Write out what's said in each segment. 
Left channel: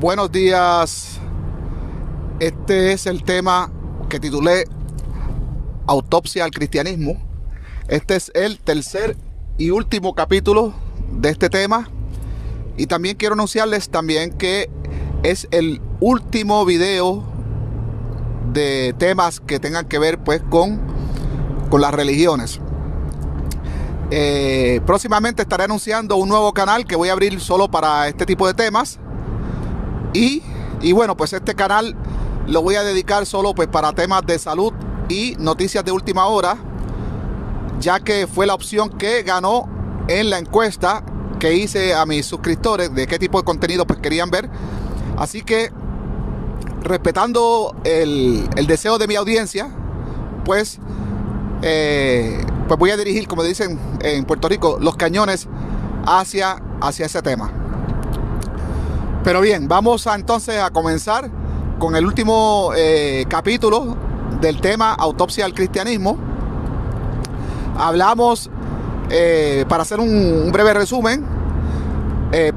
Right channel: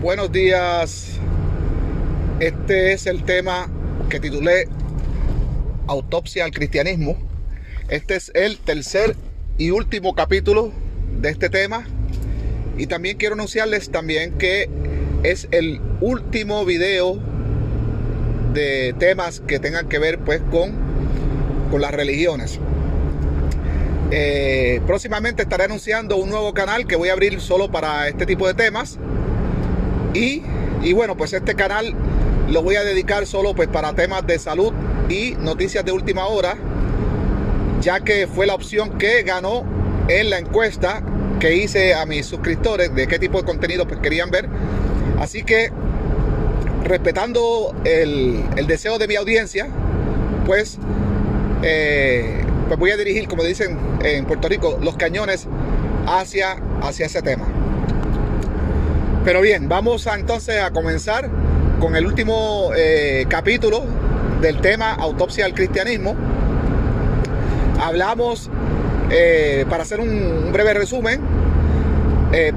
Buenos días. Este es el tema que titulé Autopsia al Cristianismo. Este es el tercer y último capítulo de este tema. Y también quiero anunciarles también que es el último video de temas que tengan que ver pues con las religiones. Próximamente estaré anunciando un nuevo canal que voy a abrir solo para este tipo de temas. Y bueno, pues este canal lo voy a dedicar solo pues para temas de salud y noticias de última hora, ya que fue la opción que ganó en la encuesta que hice a mis suscriptores de qué tipo de contenido pues querían ver. Así que, respetando el deseo de mi audiencia, pues voy a dirigir, como dicen en Puerto Rico, los cañones hacia ese tema. Pero bien, vamos entonces a comenzar con el último capítulo del tema Autopsia al Cristianismo. Hablamos, para hacer un breve resumen,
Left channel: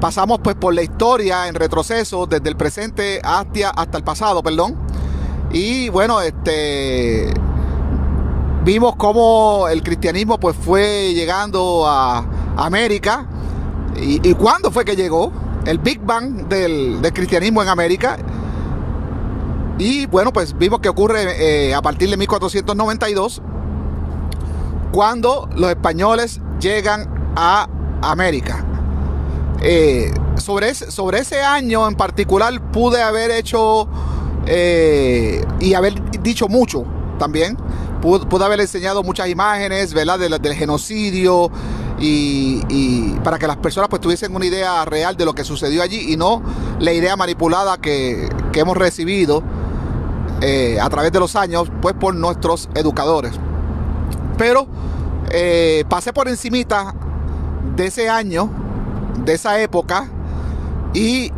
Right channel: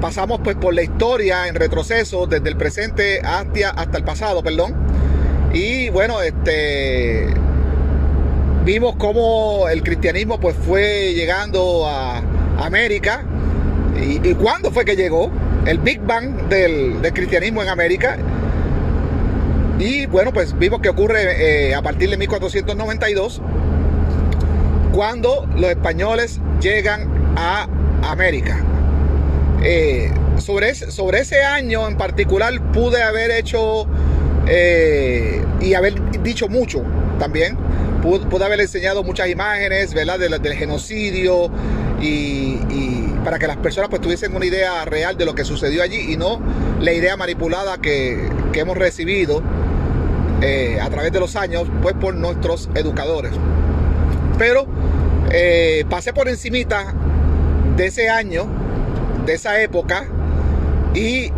pasamos pues por la historia en retroceso desde el presente hasta el pasado, perdón. Y bueno, vimos cómo el cristianismo pues fue llegando a América y cuándo fue que llegó el Big Bang del cristianismo en América. Y bueno, pues vimos que ocurre a partir de 1492, cuando los españoles llegan a América. Sobre ese año en particular pude haber hecho y haber dicho mucho también. Pude haber enseñado muchas imágenes, ¿verdad?, del genocidio y para que las personas pues tuviesen una idea real de lo que sucedió allí y no la idea manipulada que hemos recibido a través de los años pues por nuestros educadores. Pero pasé por encimita de ese año, de esa época, y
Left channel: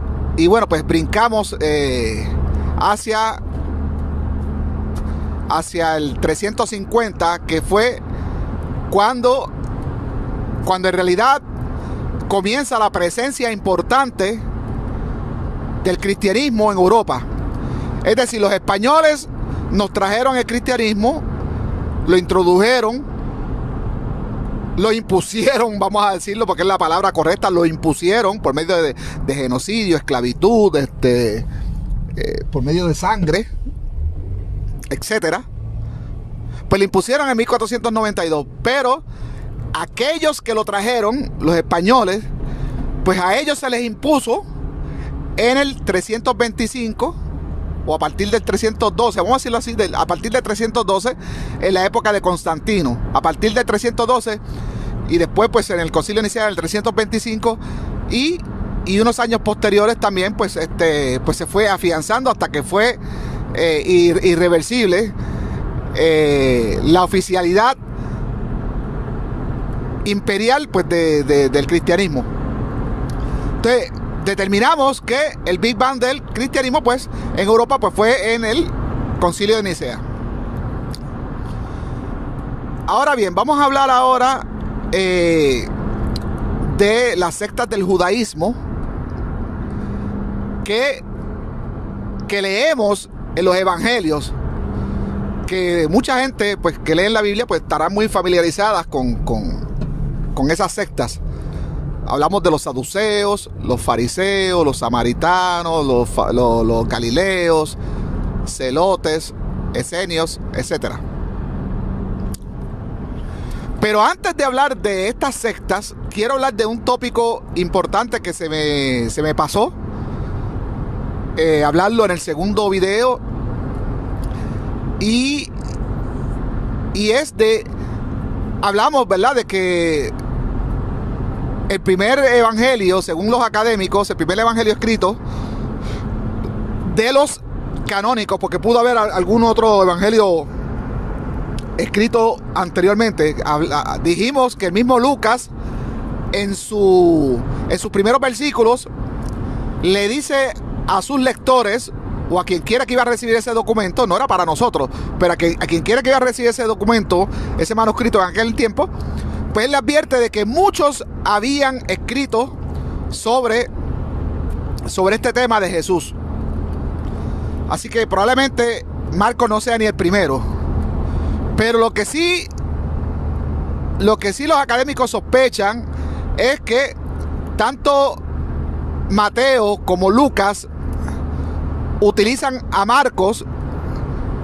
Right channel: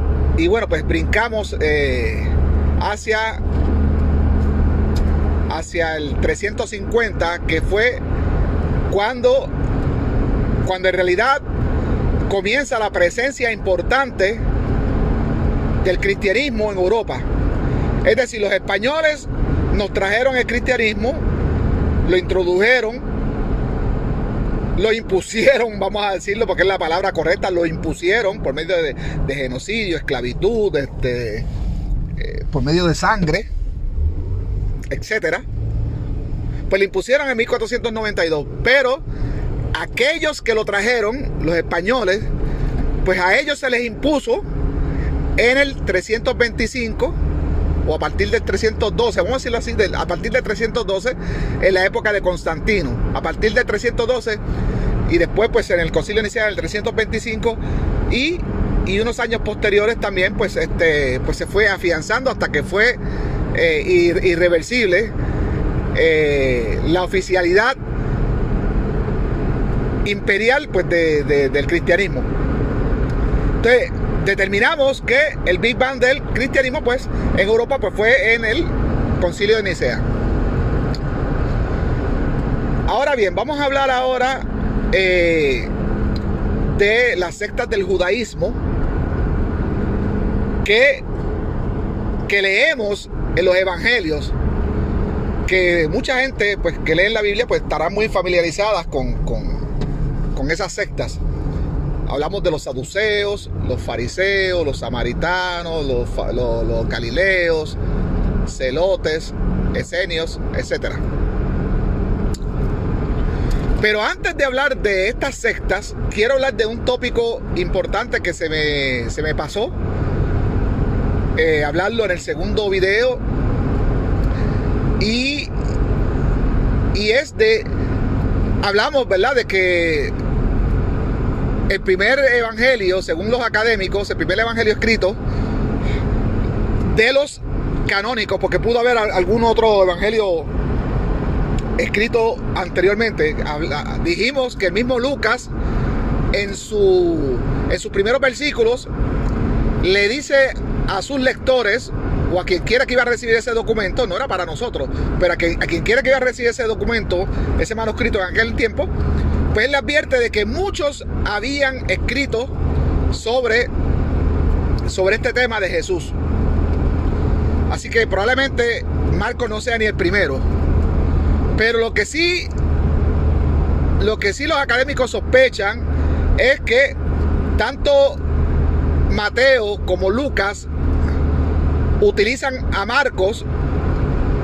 bueno, pues brincamos hacia el 350, que fue cuando en realidad comienza la presencia importante del cristianismo en Europa. Es decir, los españoles nos trajeron el cristianismo, lo introdujeron, lo impusieron, vamos a decirlo porque es la palabra correcta, lo impusieron por medio de genocidio, esclavitud, por medio de sangre, etcétera. Pues lo impusieron en 1492, pero aquellos que lo trajeron, los españoles, pues a ellos se les impuso en el 325 o a partir del 312, vamos a decirlo así, a partir del 312, en la época de Constantino, a partir del 312 y después pues en el concilio inicial del 325 y unos años posteriores también pues se fue afianzando hasta que fue irreversible la oficialidad imperial pues del cristianismo. Entonces determinamos que el Big Bang del cristianismo pues en Europa pues fue en el concilio de Nicea. Ahora bien, vamos a hablar ahora de las sectas del judaísmo que leemos en los evangelios, que mucha gente pues que lee la Biblia pues estará muy familiarizadas con esas sectas. Hablamos de los saduceos, los fariseos, los samaritanos, los galileos, celotes, esenios, etc. Pero antes de hablar de estas sectas, quiero hablar de un tópico importante que se me pasó hablarlo en el segundo video, y hablamos, ¿verdad?, de que el primer evangelio, según los académicos, el primer evangelio escrito de los canónicos, porque pudo haber algún otro evangelio escrito anteriormente. Dijimos que el mismo Lucas en sus primeros versículos le dice a sus lectores o a quien quiera que iba a recibir ese documento, no era para nosotros, pero a quien quiera que iba a recibir ese documento, ese manuscrito en aquel tiempo, pues él le advierte de que muchos habían escrito sobre sobre este tema de Jesús. Así que probablemente Marcos no sea ni el primero. Pero lo que sí los académicos sospechan es que tanto Mateo como Lucas utilizan a Marcos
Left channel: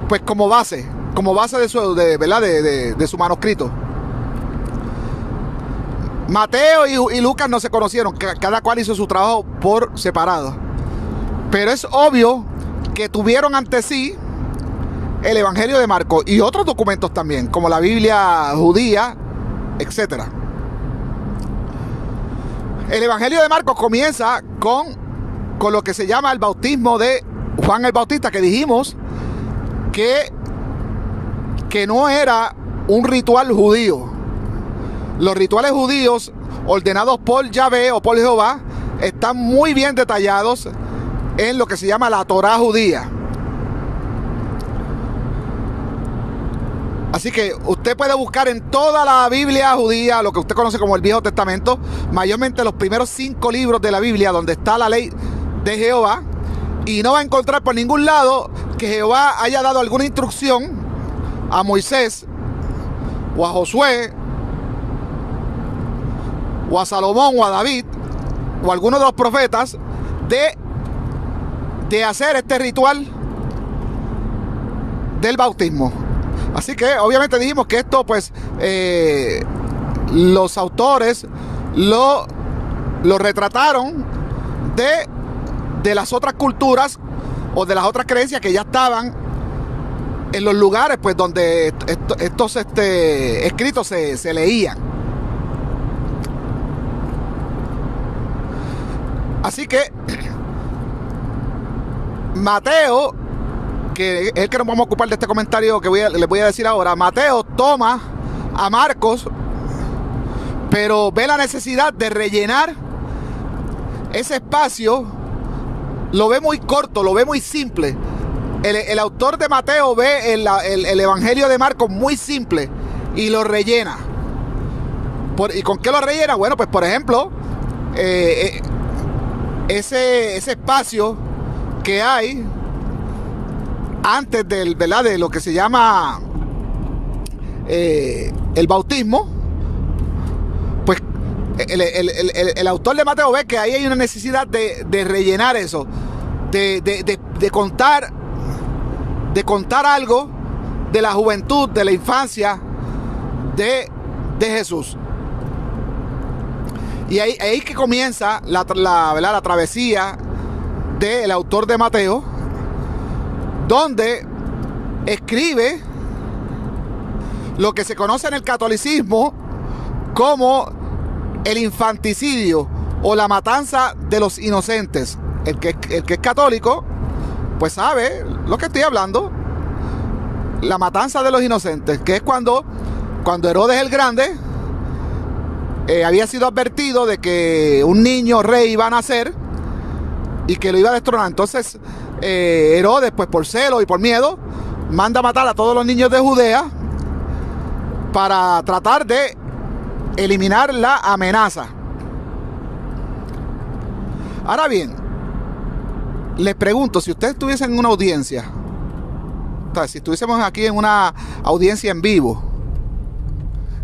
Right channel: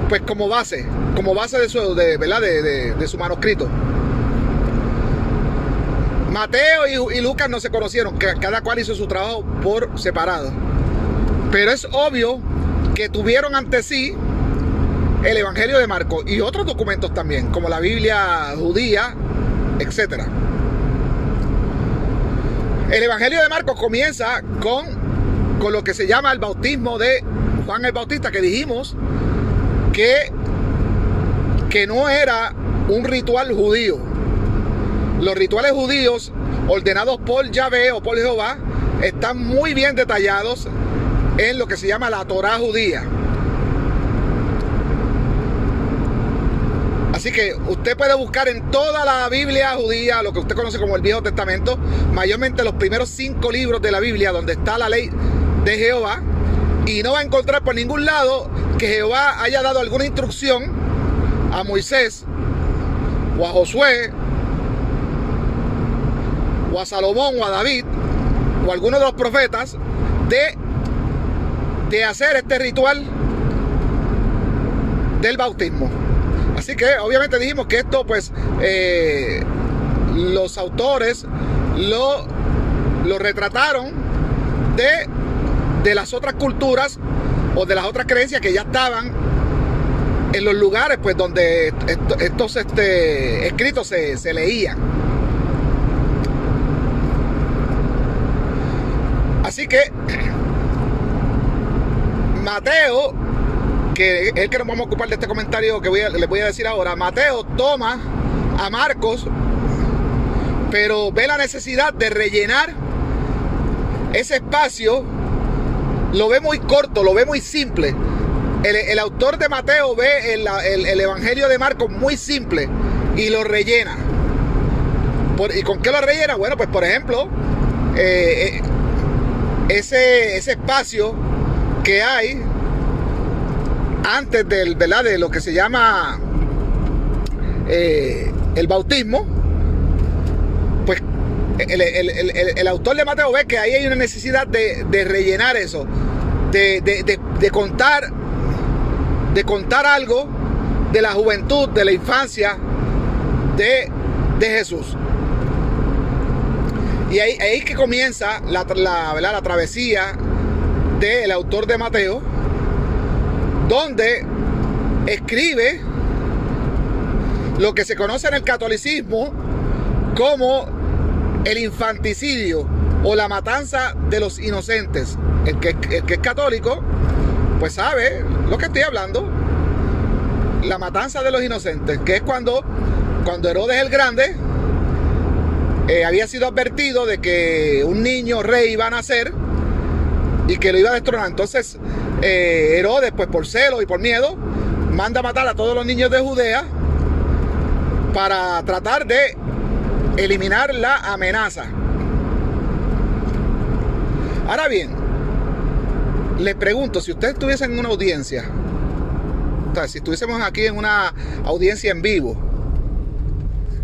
pues como base de su manuscrito. Mateo y Lucas no se conocieron, cada cual hizo su trabajo por separado. Pero es obvio que tuvieron ante sí el Evangelio de Marcos y otros documentos también, como la Biblia judía, etc. El Evangelio de Marcos comienza con lo que se llama el bautismo de Juan el Bautista, que dijimos que no era un ritual judío. Los rituales judíos ordenados por Yahvé o por Jehová están muy bien detallados en lo que se llama la Torá judía. Así que usted puede buscar en toda la Biblia judía, lo que usted conoce como el Viejo Testamento, mayormente los primeros 5 libros de la Biblia donde está la ley de Jehová, y no va a encontrar por ningún lado que Jehová haya dado alguna instrucción a Moisés o a Josué o a Salomón o a David o a alguno de los profetas de hacer este ritual del bautismo. Así que obviamente dijimos que esto pues los autores lo retrataron de las otras culturas o de las otras creencias que ya estaban en los lugares pues donde estos escritos se leían. Así que Mateo, que es el que nos vamos a ocupar de este comentario que les voy a decir ahora, Mateo toma a Marcos, pero ve la necesidad de rellenar ese espacio. Lo ve muy corto, lo ve muy simple. El autor de Mateo ve el Evangelio de Marcos muy simple y lo rellena. ¿Y con qué lo rellena? Bueno, pues por ejemplo, ese espacio que hay antes de lo que se llama el bautismo, pues el autor de Mateo ve que ahí hay una necesidad de rellenar eso, de contar algo de la juventud, de la infancia de Jesús. Y ahí que comienza la travesía del autor de Mateo, donde escribe lo que se conoce en el catolicismo como el infanticidio o la matanza de los inocentes. El que es católico pues sabe lo que estoy hablando. La matanza de los inocentes, que es cuando Herodes el Grande había sido advertido de que un niño rey iba a nacer y que lo iba a destronar. Entonces Herodes, pues por celo y por miedo, manda a matar a todos los niños de Judea para tratar de eliminar la amenaza. Ahora bien, les pregunto, si ustedes estuviesen en una audiencia, o sea, si estuviésemos aquí en una audiencia en vivo,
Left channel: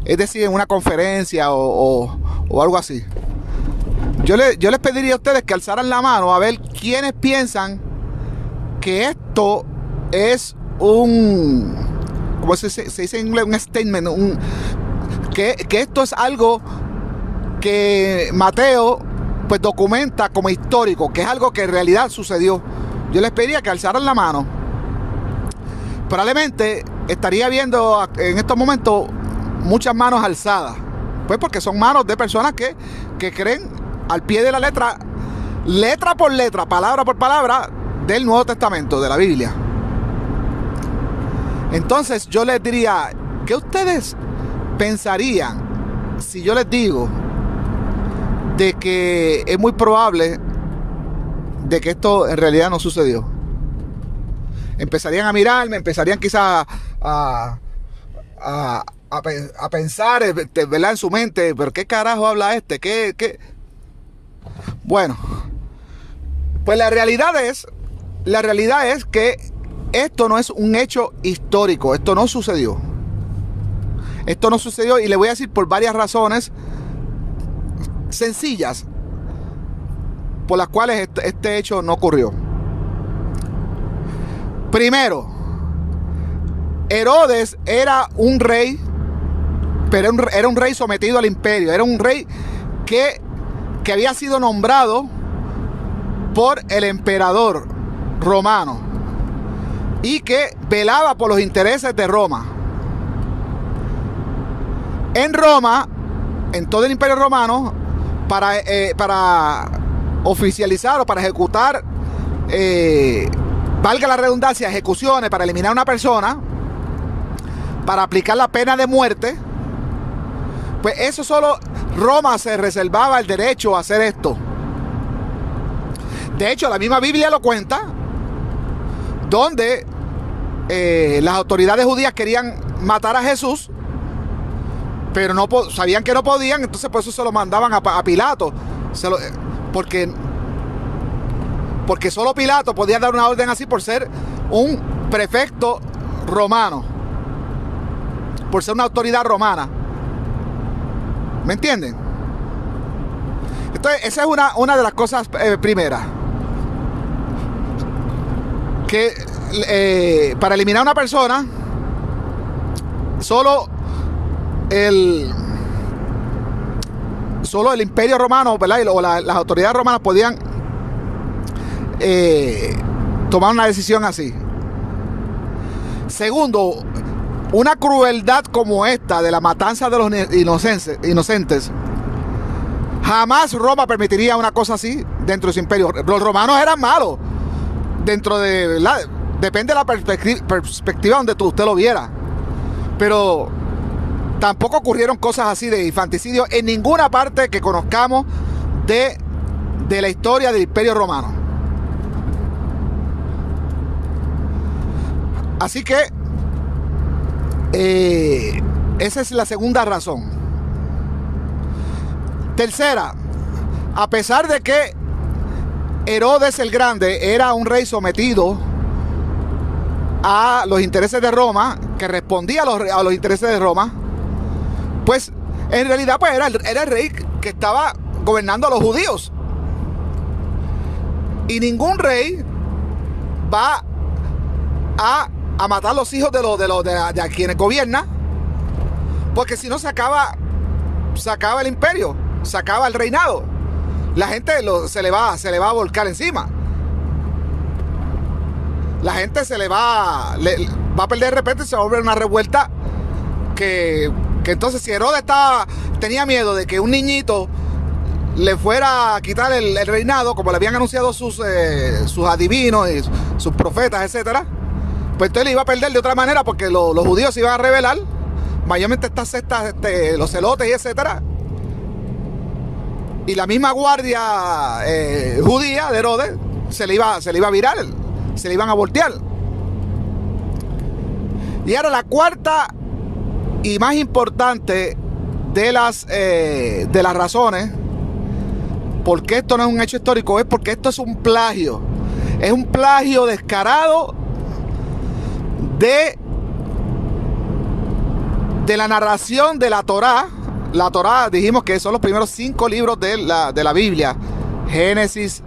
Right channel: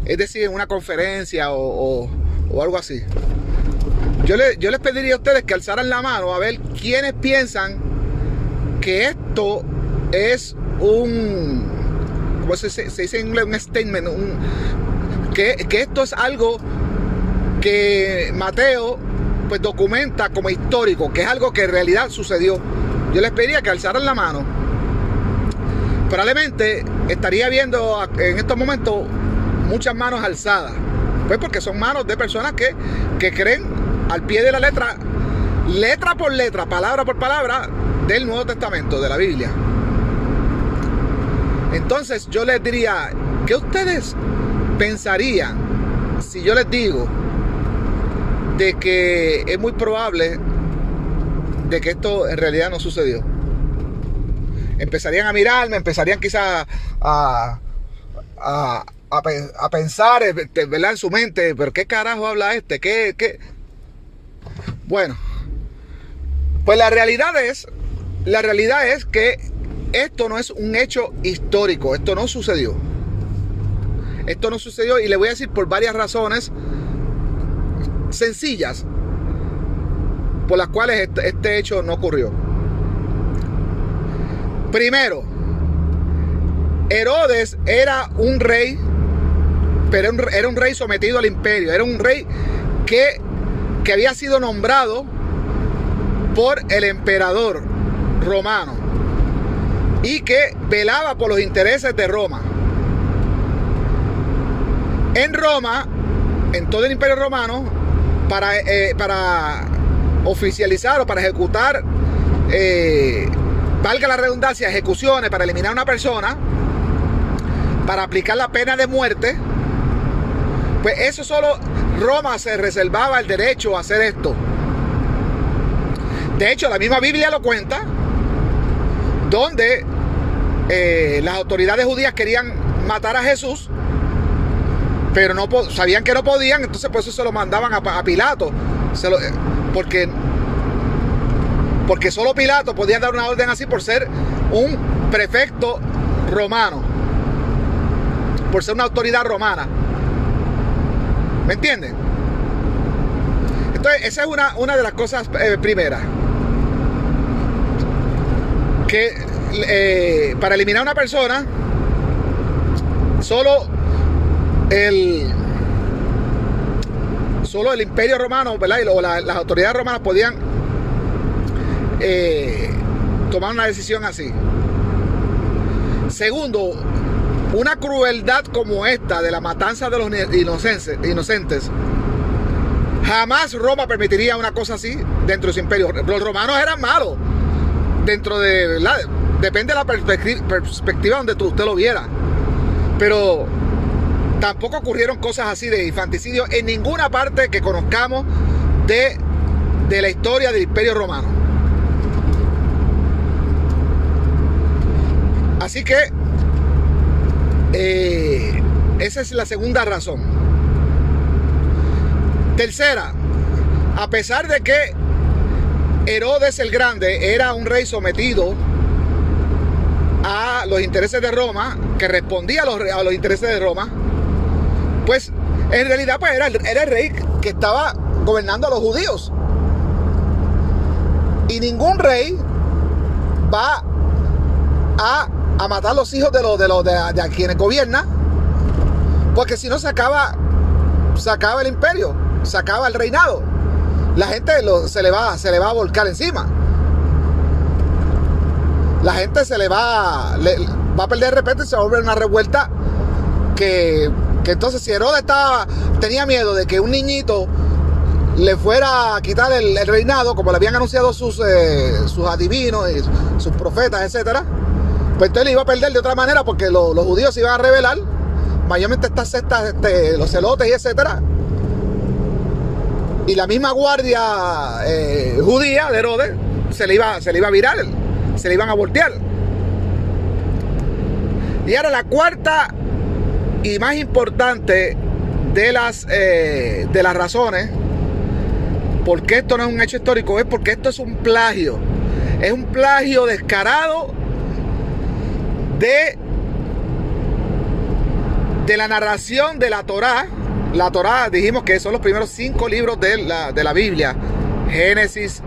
es decir, en una conferencia o algo así, yo les pediría a ustedes que alzaran la mano a ver quiénes piensan que esto es como se dice en inglés, un statement, que esto es algo que Mateo pues documenta como histórico, que es algo que en realidad sucedió. Yo les pediría que alzaran la mano. Probablemente estaría viendo en estos momentos muchas manos alzadas, pues porque son manos de personas que creen al pie de la letra por letra, palabra por palabra del Nuevo Testamento, de la Biblia. Entonces yo les diría, ¿qué ustedes pensarían si yo les digo de que es muy probable de que esto en realidad no sucedió? Empezarían a mirarme, empezarían quizás a pensar, ¿verdad? En su mente, pero ¿qué carajo habla este? ¿Qué? Bueno, Pues la realidad es que esto no es un hecho histórico. Esto no sucedió. Esto no sucedió, y le voy a decir por varias razones sencillas por las cuales este hecho no ocurrió. Primero, Herodes era un rey, pero era un rey sometido al imperio. Era un rey que había sido nombrado por el emperador romano y que velaba por los intereses de Roma. En Roma, en todo el imperio romano, para oficializar o para ejecutar, valga la redundancia, ejecuciones, para eliminar a una persona, para aplicar la pena de muerte, pues eso solo Roma se reservaba el derecho a hacer esto. De hecho, la misma Biblia lo cuenta, donde las autoridades judías querían matar a Jesús, pero sabían que no podían, entonces por eso se lo mandaban a Pilato, porque solo Pilato podía dar una orden así por ser un prefecto romano, por ser una autoridad romana. ¿Me entienden? Entonces, esa es una de las cosas primeras. Que para eliminar a una persona, solo el imperio romano, ¿verdad? O las autoridades romanas podían tomar una decisión así. Segundo, una crueldad como esta de la matanza de los inocentes, jamás Roma permitiría una cosa así dentro de su imperio. Los romanos eran malos dentro de, ¿verdad? Depende de la perspectiva donde usted lo viera, pero tampoco ocurrieron cosas así de infanticidio en ninguna parte que conozcamos de la historia del imperio romano. Así que esa es la segunda razón. Tercera, a pesar de que Herodes el Grande era un rey sometido a los intereses de Roma, que respondía a los intereses de Roma, pues en realidad pues era el rey que estaba gobernando a los judíos. Y ningún rey va a matar a los hijos de quienes gobierna, porque si no se acaba el imperio, se acaba el reinado. La gente se le va a volcar encima. La gente va a perder de repente, se va a volver una revuelta que entonces, si Herodes tenía miedo de que un niñito le fuera a quitar el reinado, como le habían anunciado sus adivinos y sus profetas, etcétera, pues entonces le iba a perder de otra manera, porque los judíos se iban a rebelar, mayormente estas sectas, los celotes y etcétera, y la misma guardia judía de Herodes se le iba a virar, se le iban a voltear. Y ahora la cuarta y más importante de las razones por qué esto no es un hecho histórico, es porque esto es un plagio. Es un plagio descarado de la narración de la Torá. La Torá, dijimos que son los primeros 5 libros de la Biblia: Génesis,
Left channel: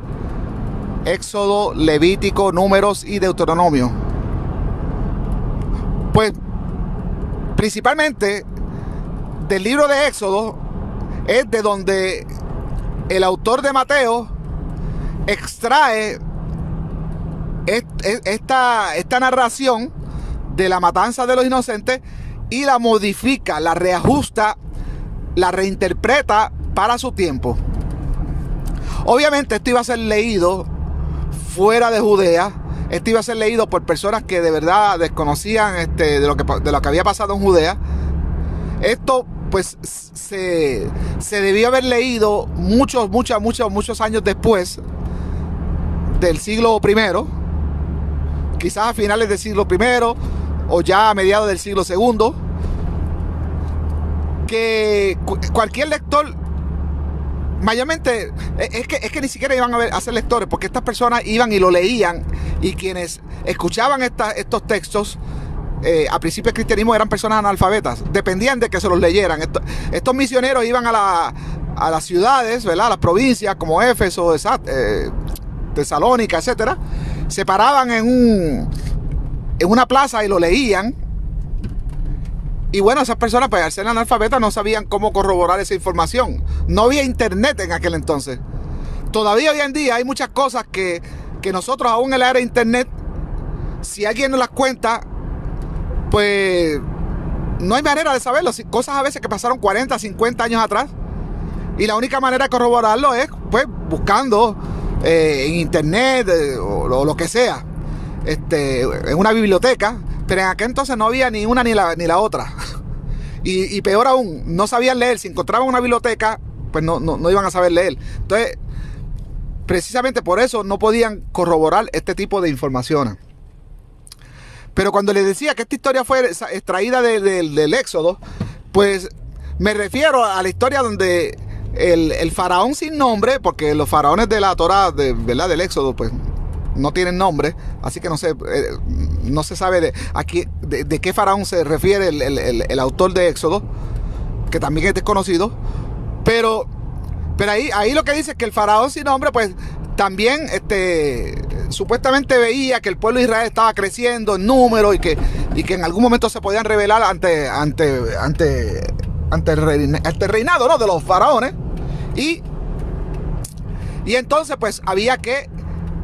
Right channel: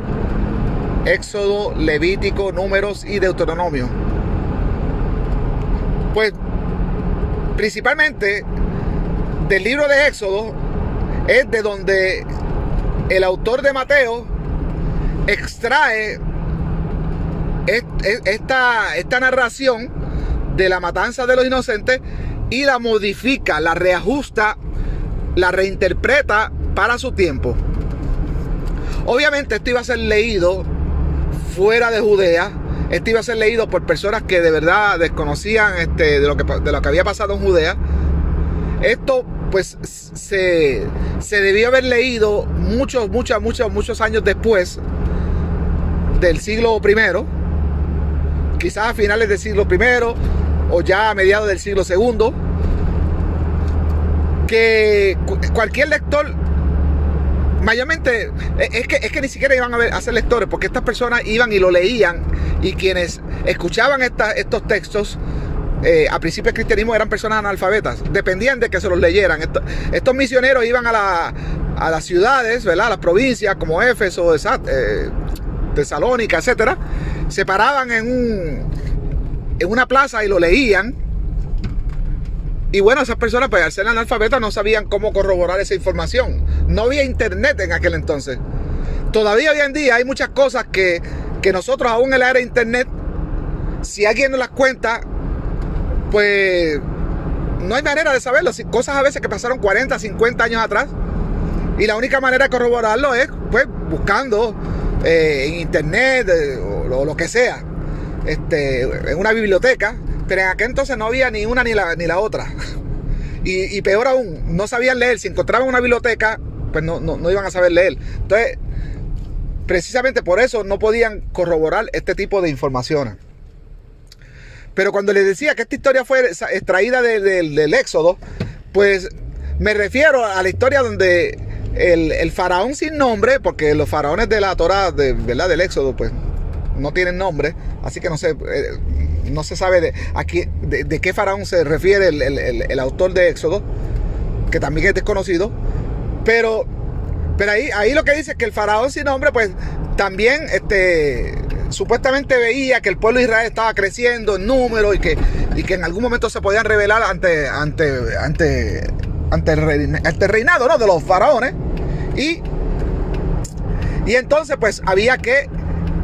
Éxodo, Levítico, Números y Deuteronomio. Pues principalmente del libro de Éxodo es de donde el autor de Mateo extrae esta narración de la matanza de los inocentes y la modifica, la reajusta, la reinterpreta para su tiempo. Obviamente esto iba a ser leído fuera de Judea. Esto iba a ser leído por personas que de verdad desconocían de lo que había pasado en Judea. Esto pues se debió haber leído muchos años después del siglo I, quizás a finales del siglo I o ya a mediados del siglo II, que cualquier lector mayormente, es que ni siquiera iban a ser lectores, porque estas personas iban y lo leían, y quienes escuchaban estos textos, a principio del cristianismo, eran personas analfabetas, dependían de que se los leyeran. Estos misioneros iban a las ciudades, ¿verdad?, a las provincias como Éfeso, Tesalónica, etcétera, se paraban en una plaza y lo leían. Y bueno, esas personas, pues al ser analfabetas, no sabían cómo corroborar esa información. No había internet en aquel entonces. Todavía hoy en día hay muchas cosas que nosotros, aún en la era de internet, si alguien nos las cuenta, pues no hay manera de saberlo. Cosas a veces que pasaron 40, 50 años atrás, y la única manera de corroborarlo es pues buscando en internet o lo que sea, en una biblioteca. Pero en aquel entonces no había ni una ni la otra. Y peor aún, no sabían leer. Si encontraban una biblioteca, pues no iban a saber leer. Entonces, precisamente por eso no podían corroborar este tipo de informaciones. Pero cuando les decía que esta historia fue extraída del Éxodo, pues me refiero a la historia donde el faraón sin nombre, porque los faraones de la Torá, ¿verdad?, del Éxodo, pues no tienen nombre, así que no se sabe de qué faraón se refiere el autor de Éxodo, que también es desconocido. Pero ahí lo que dice es que el faraón sin nombre, pues también supuestamente veía que el pueblo de Israel estaba creciendo en número, y que en algún momento se podían rebelar ante el reinado, ¿no?, de los faraones. Y entonces pues había que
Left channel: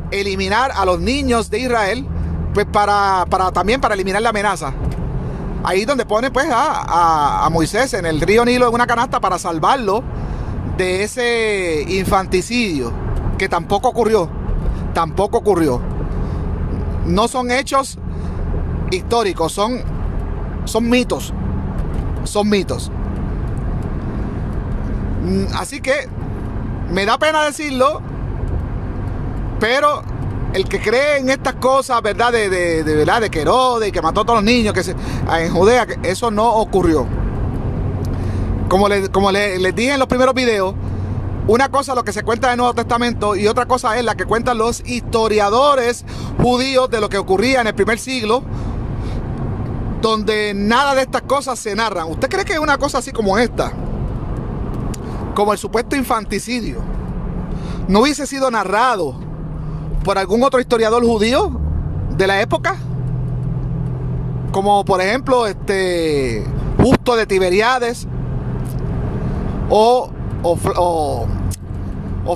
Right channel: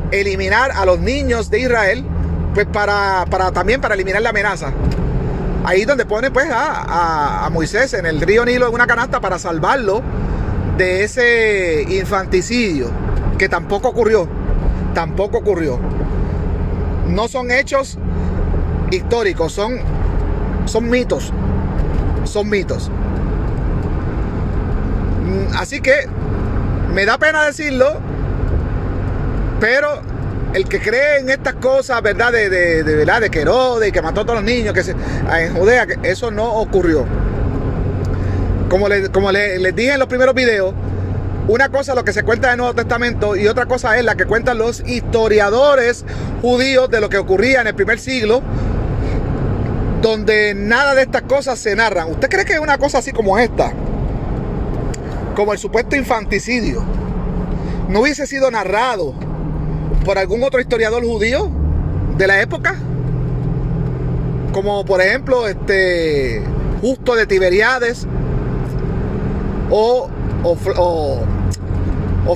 eliminar a los niños de Israel, pues también para eliminar la amenaza. Ahí donde ponen pues a Moisés en el río Nilo en una canasta para salvarlo de ese infanticidio, que tampoco ocurrió. No son hechos históricos, son mitos. Así que me da pena decirlo, pero el que cree en estas cosas, ¿verdad?, de que Herodes, que mató a todos los niños en Judea, que eso no ocurrió. Como les dije en los primeros videos, una cosa es lo que se cuenta en el Nuevo Testamento, y otra cosa es la que cuentan los historiadores judíos de lo que ocurría en el primer siglo, donde nada de estas cosas se narran. ¿Usted cree que una cosa así como esta, como el supuesto infanticidio, no hubiese sido narrado por algún otro historiador judío de la época? Como por ejemplo Justo de Tiberiades o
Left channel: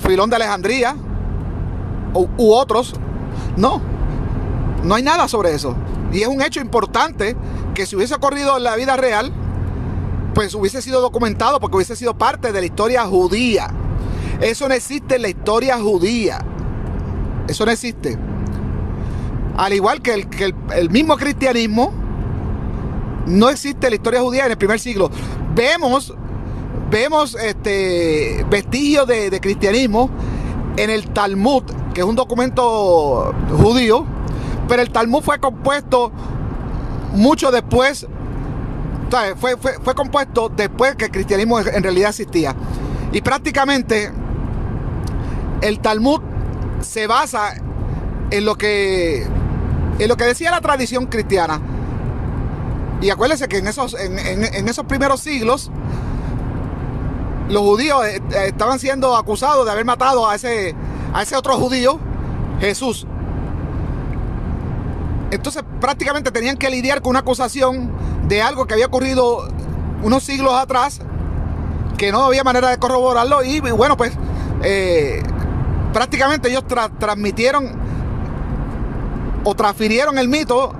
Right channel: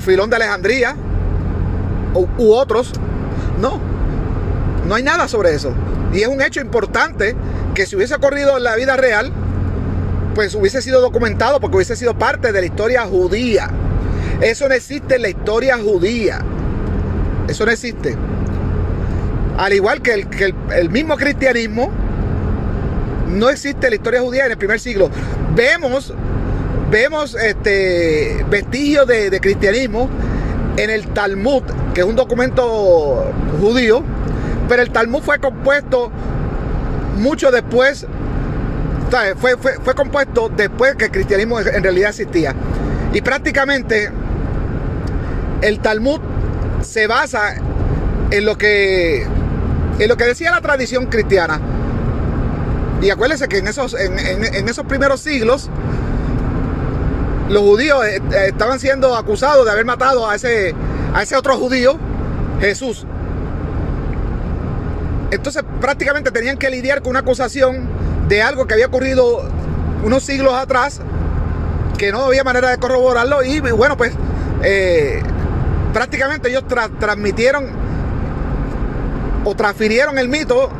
Filón de Alejandría u otros. No hay nada sobre eso. Y es un hecho importante que, si hubiese ocurrido en la vida real, pues hubiese sido documentado, porque hubiese sido parte de la historia judía. Eso no existe en la historia judía. Eso no existe. Al igual que el mismo cristianismo no existe en la historia judía en el primer siglo. Vemos vestigios de cristianismo en el Talmud, que es un documento judío, pero el Talmud fue compuesto mucho después. Fue compuesto después que el cristianismo en realidad existía. Y prácticamente el Talmud se basa en lo que decía la tradición cristiana. Y acuérdense que en esos primeros siglos, los judíos estaban siendo acusados de haber matado a ese otro judío, Jesús. Entonces prácticamente tenían que lidiar con una acusación de algo que había ocurrido unos siglos atrás, que no había manera de corroborarlo. Y bueno, pues prácticamente ellos transmitieron o transfirieron el mito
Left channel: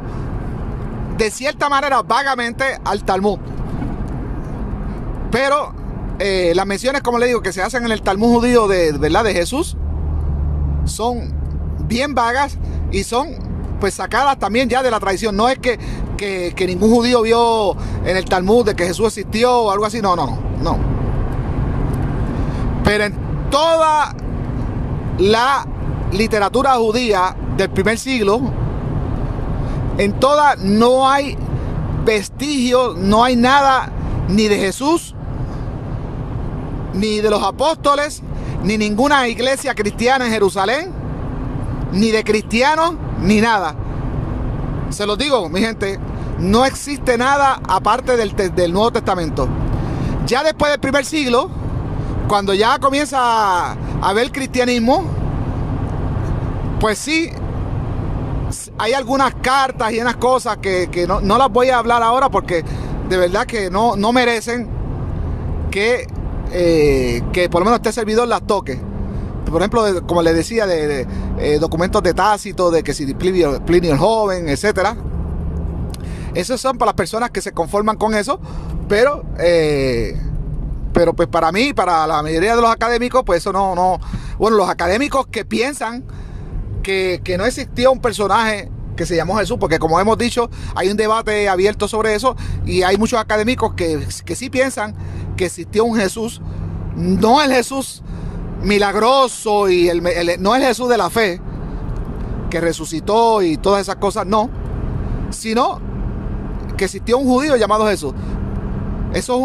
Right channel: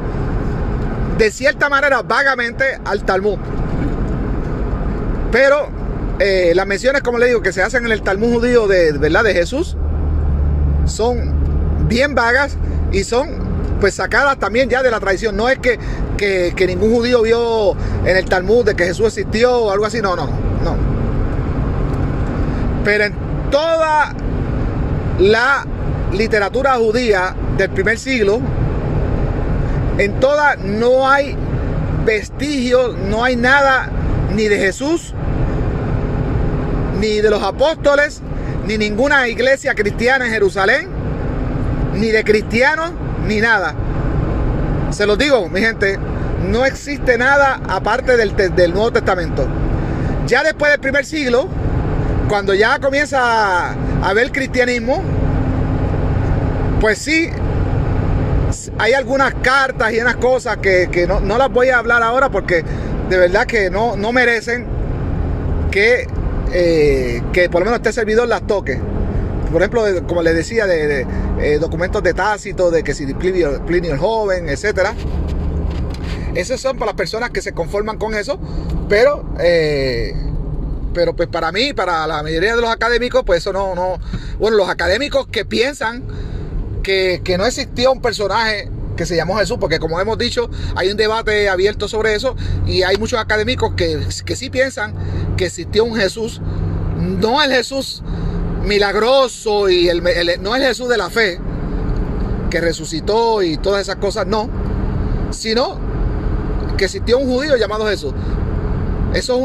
de cierta manera, vagamente, al Talmud. Pero las menciones, como le digo, que se hacen en el Talmud judío ¿verdad?, de Jesús, son bien vagas y son pues sacadas también ya de la tradición. No es que ningún judío vio en el Talmud de que Jesús existió o algo así. No. Pero en toda la literatura judía del primer siglo, en toda, no hay vestigios, no hay nada ni de Jesús, ni de los apóstoles, ni ninguna iglesia cristiana en Jerusalén, ni de cristianos, ni nada. Se los digo, mi gente, no existe nada aparte del Nuevo Testamento. Ya después del primer siglo, cuando ya comienza a haber cristianismo, pues sí, hay algunas cartas y unas cosas que no las voy a hablar ahora porque de verdad que no merecen que por lo menos este servidor las toque. Por ejemplo, como les decía, de documentos de Tácito, de que si Plinio el Joven, etcétera. Esos son para las personas que se conforman con eso, pero pues para mí, para la mayoría de los académicos, pues eso no. Bueno, los académicos que piensan que no existió un personaje que se llamó Jesús, porque como hemos dicho, hay un debate abierto sobre eso y hay muchos académicos que sí piensan que existió un Jesús, no el Jesús milagroso y no el Jesús de la fe que resucitó y todas esas cosas, no, sino que existió un judío llamado Jesús. Eso es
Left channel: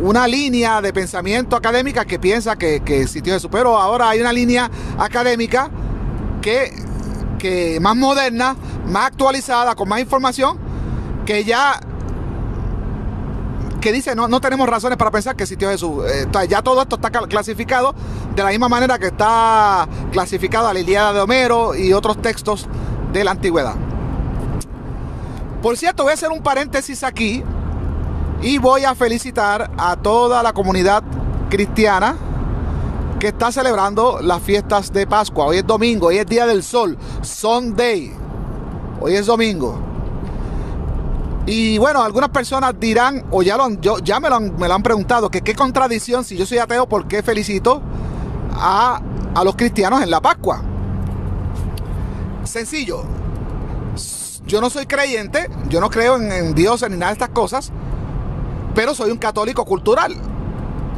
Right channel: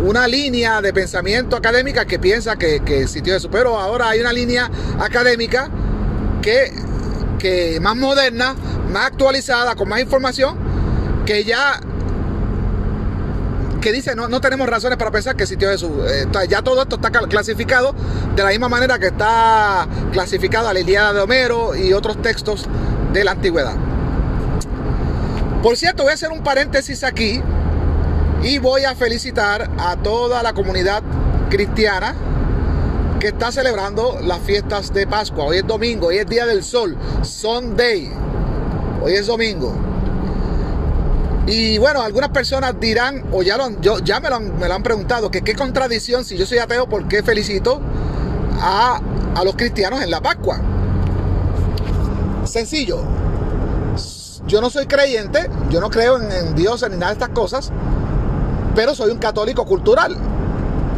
una línea de pensamiento académica que piensa que existió Jesús, pero ahora hay una línea académica que más moderna, más actualizada, con más información, que dice no tenemos razones para pensar que existió Jesús. Ya todo esto está clasificado de la misma manera que está clasificada la Ilíada de Homero y otros textos de la antigüedad. Por cierto, voy a hacer un paréntesis aquí y voy a felicitar a toda la comunidad cristiana que está celebrando las fiestas de Pascua. Hoy es domingo, hoy es Día del Sol, Sunday. Hoy es domingo. Y bueno, algunas personas dirán, o ya me lo han preguntado, que qué contradicción, si yo soy ateo, ¿por qué felicito a los cristianos en la Pascua? Sencillo. Yo no soy creyente, yo no creo en Dios ni nada de estas cosas, pero soy un católico cultural.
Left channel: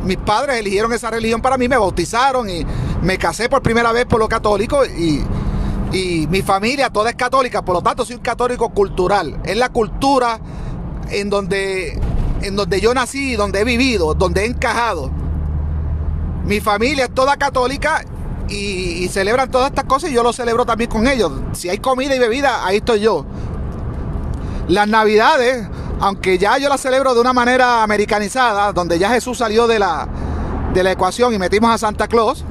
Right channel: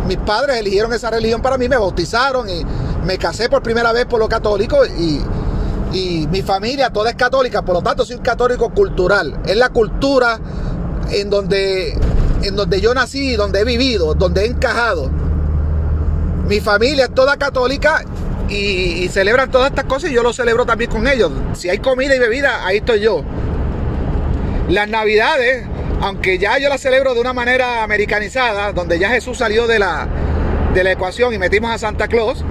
Mis padres eligieron esa religión para mí, me bautizaron y me casé por primera vez por lo católico y mi familia toda es católica, por lo tanto soy un católico cultural. Es la cultura en donde yo nací, donde he vivido, donde he encajado. Mi familia es toda católica y celebran todas estas cosas y yo lo celebro también con ellos. Si hay comida y bebida, ahí estoy yo. Las Navidades, aunque ya yo las celebro de una manera americanizada, donde ya Jesús salió de la ecuación y metimos a Santa Claus,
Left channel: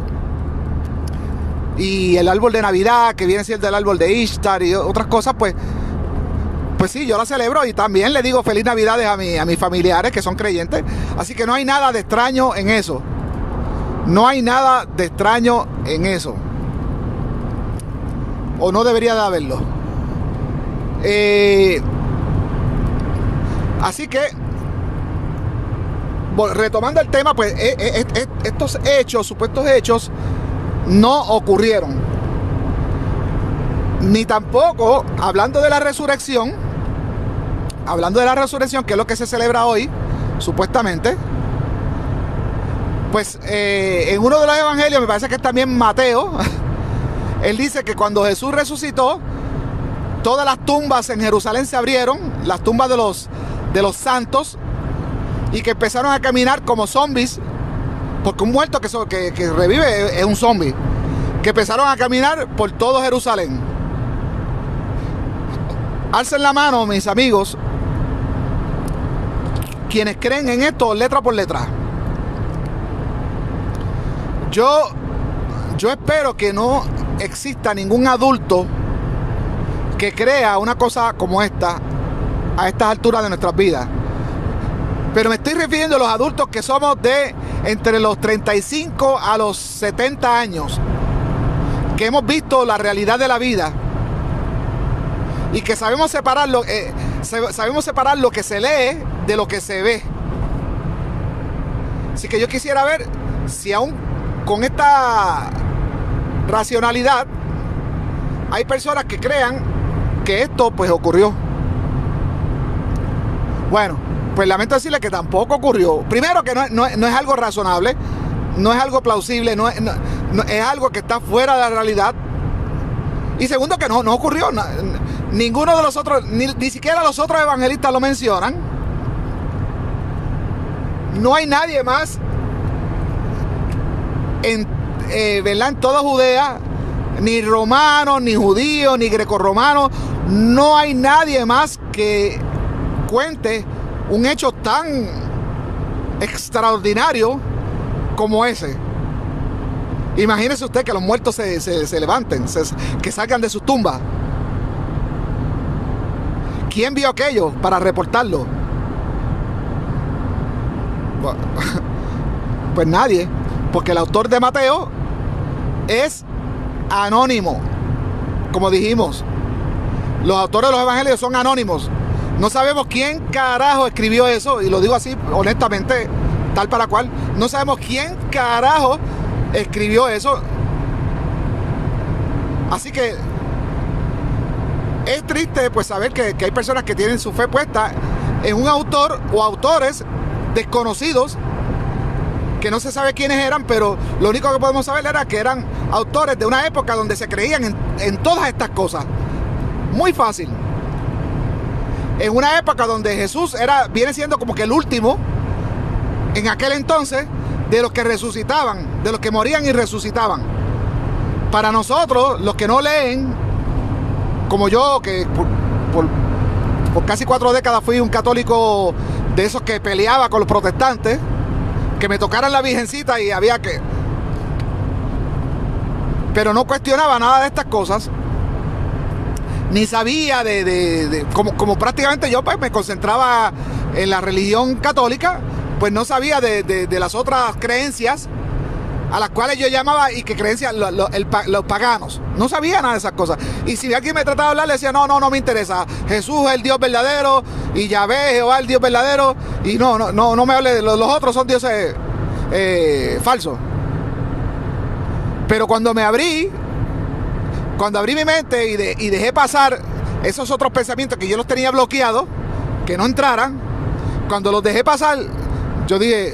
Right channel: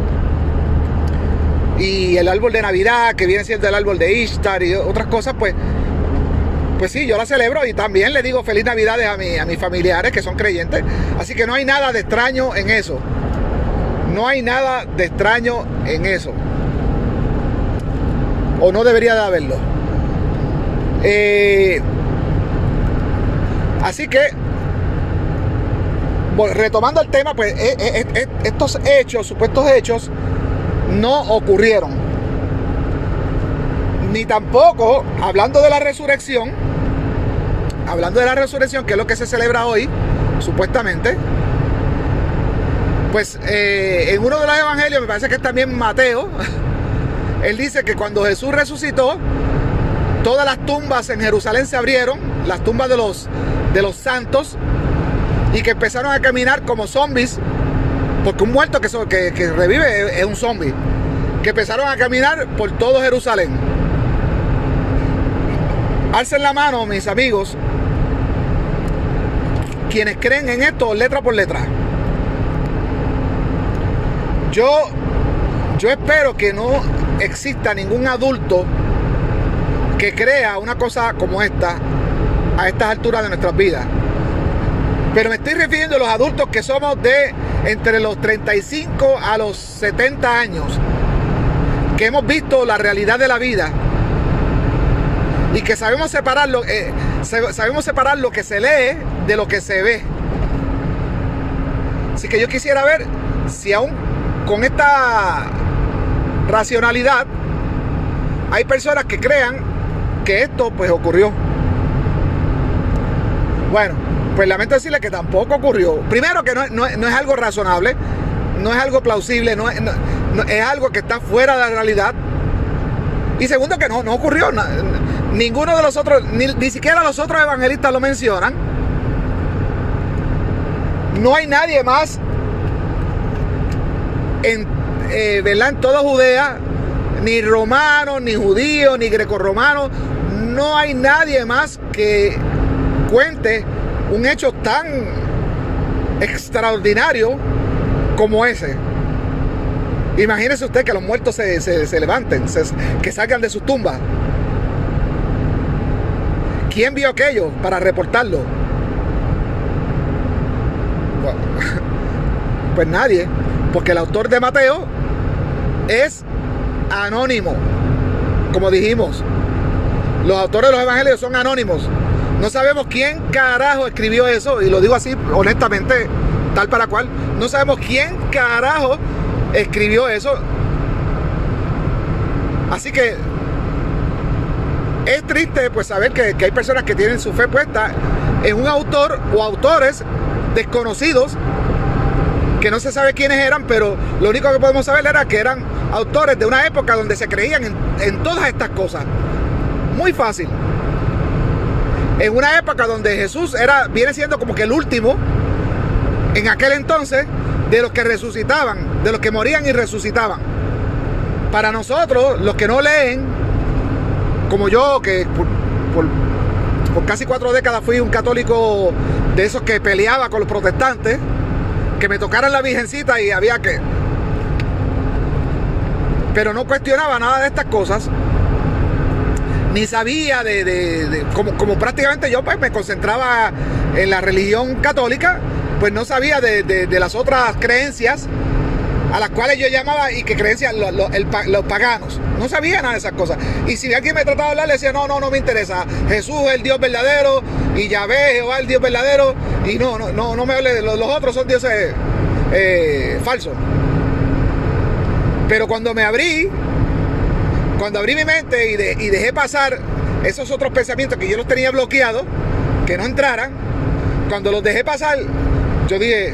y el árbol de Navidad, que viene siendo el árbol de Ishtar y otras cosas, pues sí, yo la celebro y también le digo feliz Navidades a mis familiares que son creyentes. Así que no hay nada de extraño en eso. No hay nada de extraño en eso. O no debería de haberlo. Así que, retomando el tema, pues estos hechos, supuestos hechos, no ocurrieron. Ni tampoco, hablando de la resurrección, que es lo que se celebra hoy, supuestamente, pues en uno de los evangelios, me parece que es también Mateo, él dice que cuando Jesús resucitó, todas las tumbas en Jerusalén se abrieron, las tumbas de los santos, y que empezaron a caminar como zombies, porque un muerto que revive es un zombie, que empezaron a caminar por todo Jerusalén. Alcen la mano, mis amigos, quienes creen en esto letra por letra. Yo espero que no exista ningún adulto que crea una cosa como esta a estas alturas de nuestras vidas. Pero me estoy refiriendo a los adultos que somos de entre los 35 a los 70 años, que hemos visto la realidad de la vida y que sabemos separar lo que se lee de lo que se ve. Así que yo quisiera ver si aún con esta racionalidad hay personas que crean que esto pues ocurrió. Bueno, pues lamento decirle que tampoco ocurrió. Primero, que no es algo razonable, no es algo plausible, no es algo que está fuera de la realidad. Y segundo, que no ocurrió. Ninguno de los otros, ni siquiera los otros evangelistas lo mencionan. No hay nadie más ¿verdad?, en toda Judea, ni romanos, ni judíos, ni grecorromanos, no hay nadie más que cuente un hecho tan extraordinario como ese. Imagínese usted que los muertos se levanten, que salgan de sus tumbas. ¿Quién vio aquello para reportarlo? Pues nadie, porque el autor de Mateo es anónimo. Como dijimos, los autores de los evangelios son anónimos. No sabemos quién carajo escribió eso, y lo digo así honestamente, tal para cual. No sabemos quién carajo escribió eso. Así que es triste pues saber que hay personas que tienen su fe puesta en un autor o autores desconocidos, que no se sabe quiénes eran, pero lo único que podemos saber era que eran autores de una época donde se creían en todas estas cosas. Muy fácil. En una época donde Jesús viene siendo como que el último, en aquel entonces, de los que resucitaban, de los que morían y resucitaban. Para nosotros, los que no leen, como yo, que por casi 4 décadas fui un católico de esos que peleaba con los protestantes, que me tocaran la virgencita y había que... Pero no cuestionaba nada de estas cosas, ni sabía como prácticamente yo pues me concentraba en la religión católica, pues no sabía de las otras creencias a las cuales yo llamaba, y que creencias los paganos. No sabía nada de esas cosas. Y si alguien me trataba de hablar, le decía, no me interesa. Jesús es el Dios verdadero, y Yahvé, Jehová, el Dios verdadero, y no me hable de los otros, son dioses falsos. Pero cuando abrí mi mente y dejé pasar esos otros pensamientos que yo los tenía bloqueados, que no entraran, cuando los dejé pasar, yo dije,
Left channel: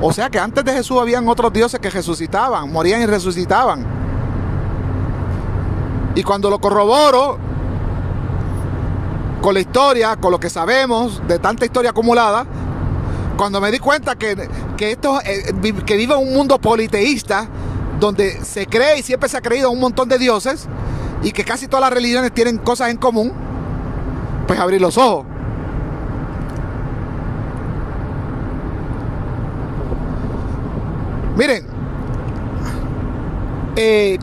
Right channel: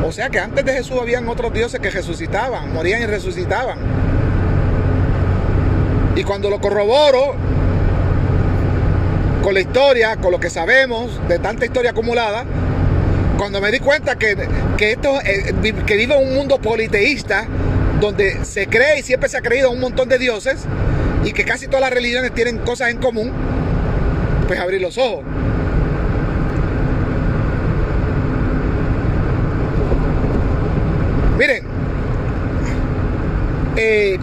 o sea que antes de Jesús habían otros dioses que resucitaban, morían y resucitaban. Y cuando lo corroboro con la historia, con lo que sabemos de tanta historia acumulada, cuando me di cuenta que vivo en un mundo politeísta, donde se cree y siempre se ha creído un montón de dioses, y que casi todas las religiones tienen cosas en común, pues abrí los ojos. Miren,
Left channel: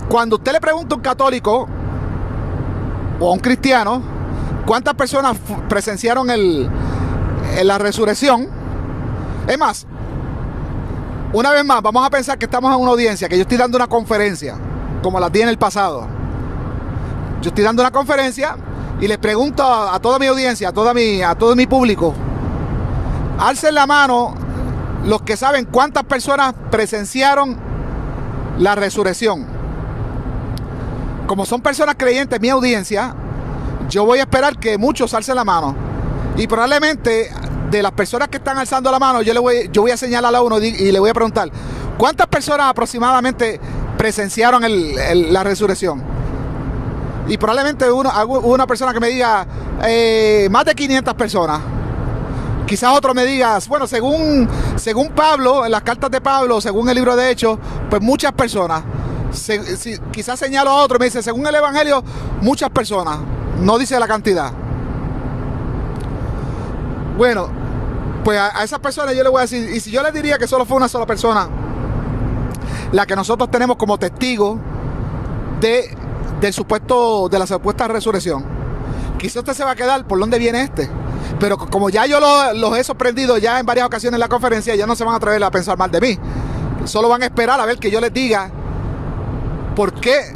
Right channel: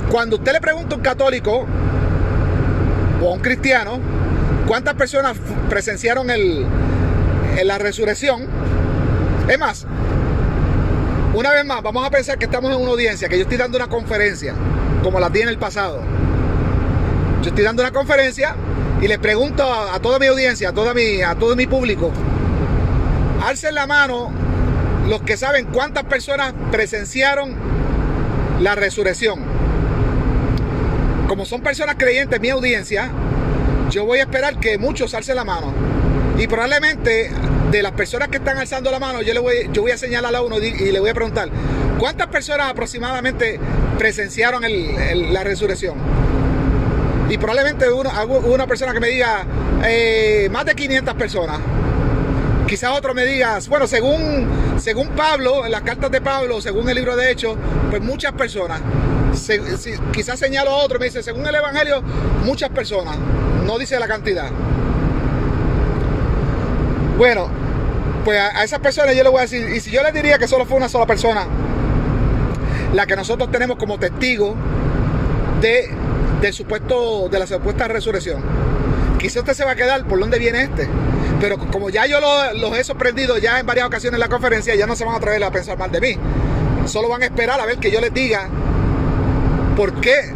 cuando usted le pregunta a un católico o a un cristiano cuántas personas presenciaron la resurrección, es más, una vez más, vamos a pensar que estamos en una audiencia, que yo estoy dando una conferencia, como la di en el pasado. Yo estoy dando una conferencia y les pregunto a toda mi audiencia, a todo mi público, alcen la mano los que saben cuántas personas presenciaron la resurrección. Como son personas creyentes, mi audiencia, yo voy a esperar que muchos alcen la mano. Y probablemente de las personas que están alzando la mano, yo voy a señalar a uno y le voy a preguntar, ¿cuántas personas aproximadamente presenciaron la resurrección? Y probablemente una persona que me diga, más de 500 personas. Quizás otro me diga, bueno, según Pablo, en las cartas de Pablo, según el libro de Hechos, pues muchas personas. Quizás señalo a otro, me dice, según el Evangelio, muchas personas. No dice la cantidad. Bueno, pues a esas personas yo les voy a decir, y si yo les diría que solo fue una sola persona la que nosotros tenemos como testigo de la supuesta resurrección, quizás usted se va a quedar, ¿por dónde viene este? Pero como ya yo los he sorprendido ya en varias ocasiones en la conferencia, ya no se van a atrever a pensar mal de mí. Solo van a esperar a ver que yo les diga por qué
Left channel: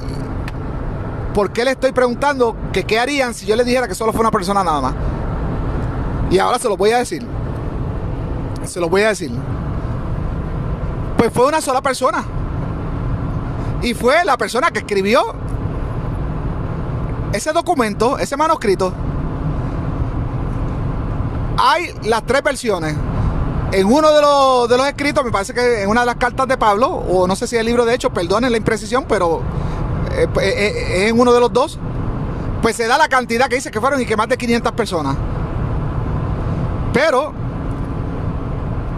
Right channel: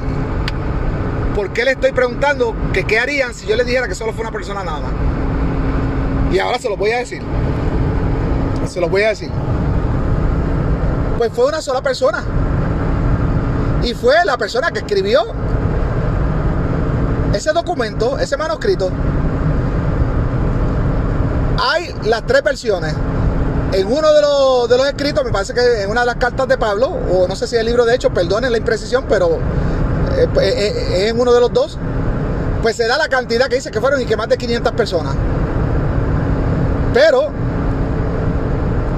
le estoy preguntando que qué harían si yo les dijera que solo fue una persona nada más. Y ahora se los voy a decir. Pues fue una sola persona. Y fue la persona que escribió ese documento, ese manuscrito. Hay las 3 versiones. En uno de los escritos, me parece que en una de las cartas de Pablo, o no sé si es el libro de Hechos, perdonen la imprecisión, pero es en uno de los dos, pues se da la cantidad que dice que fueron y que más de 500 personas. Pero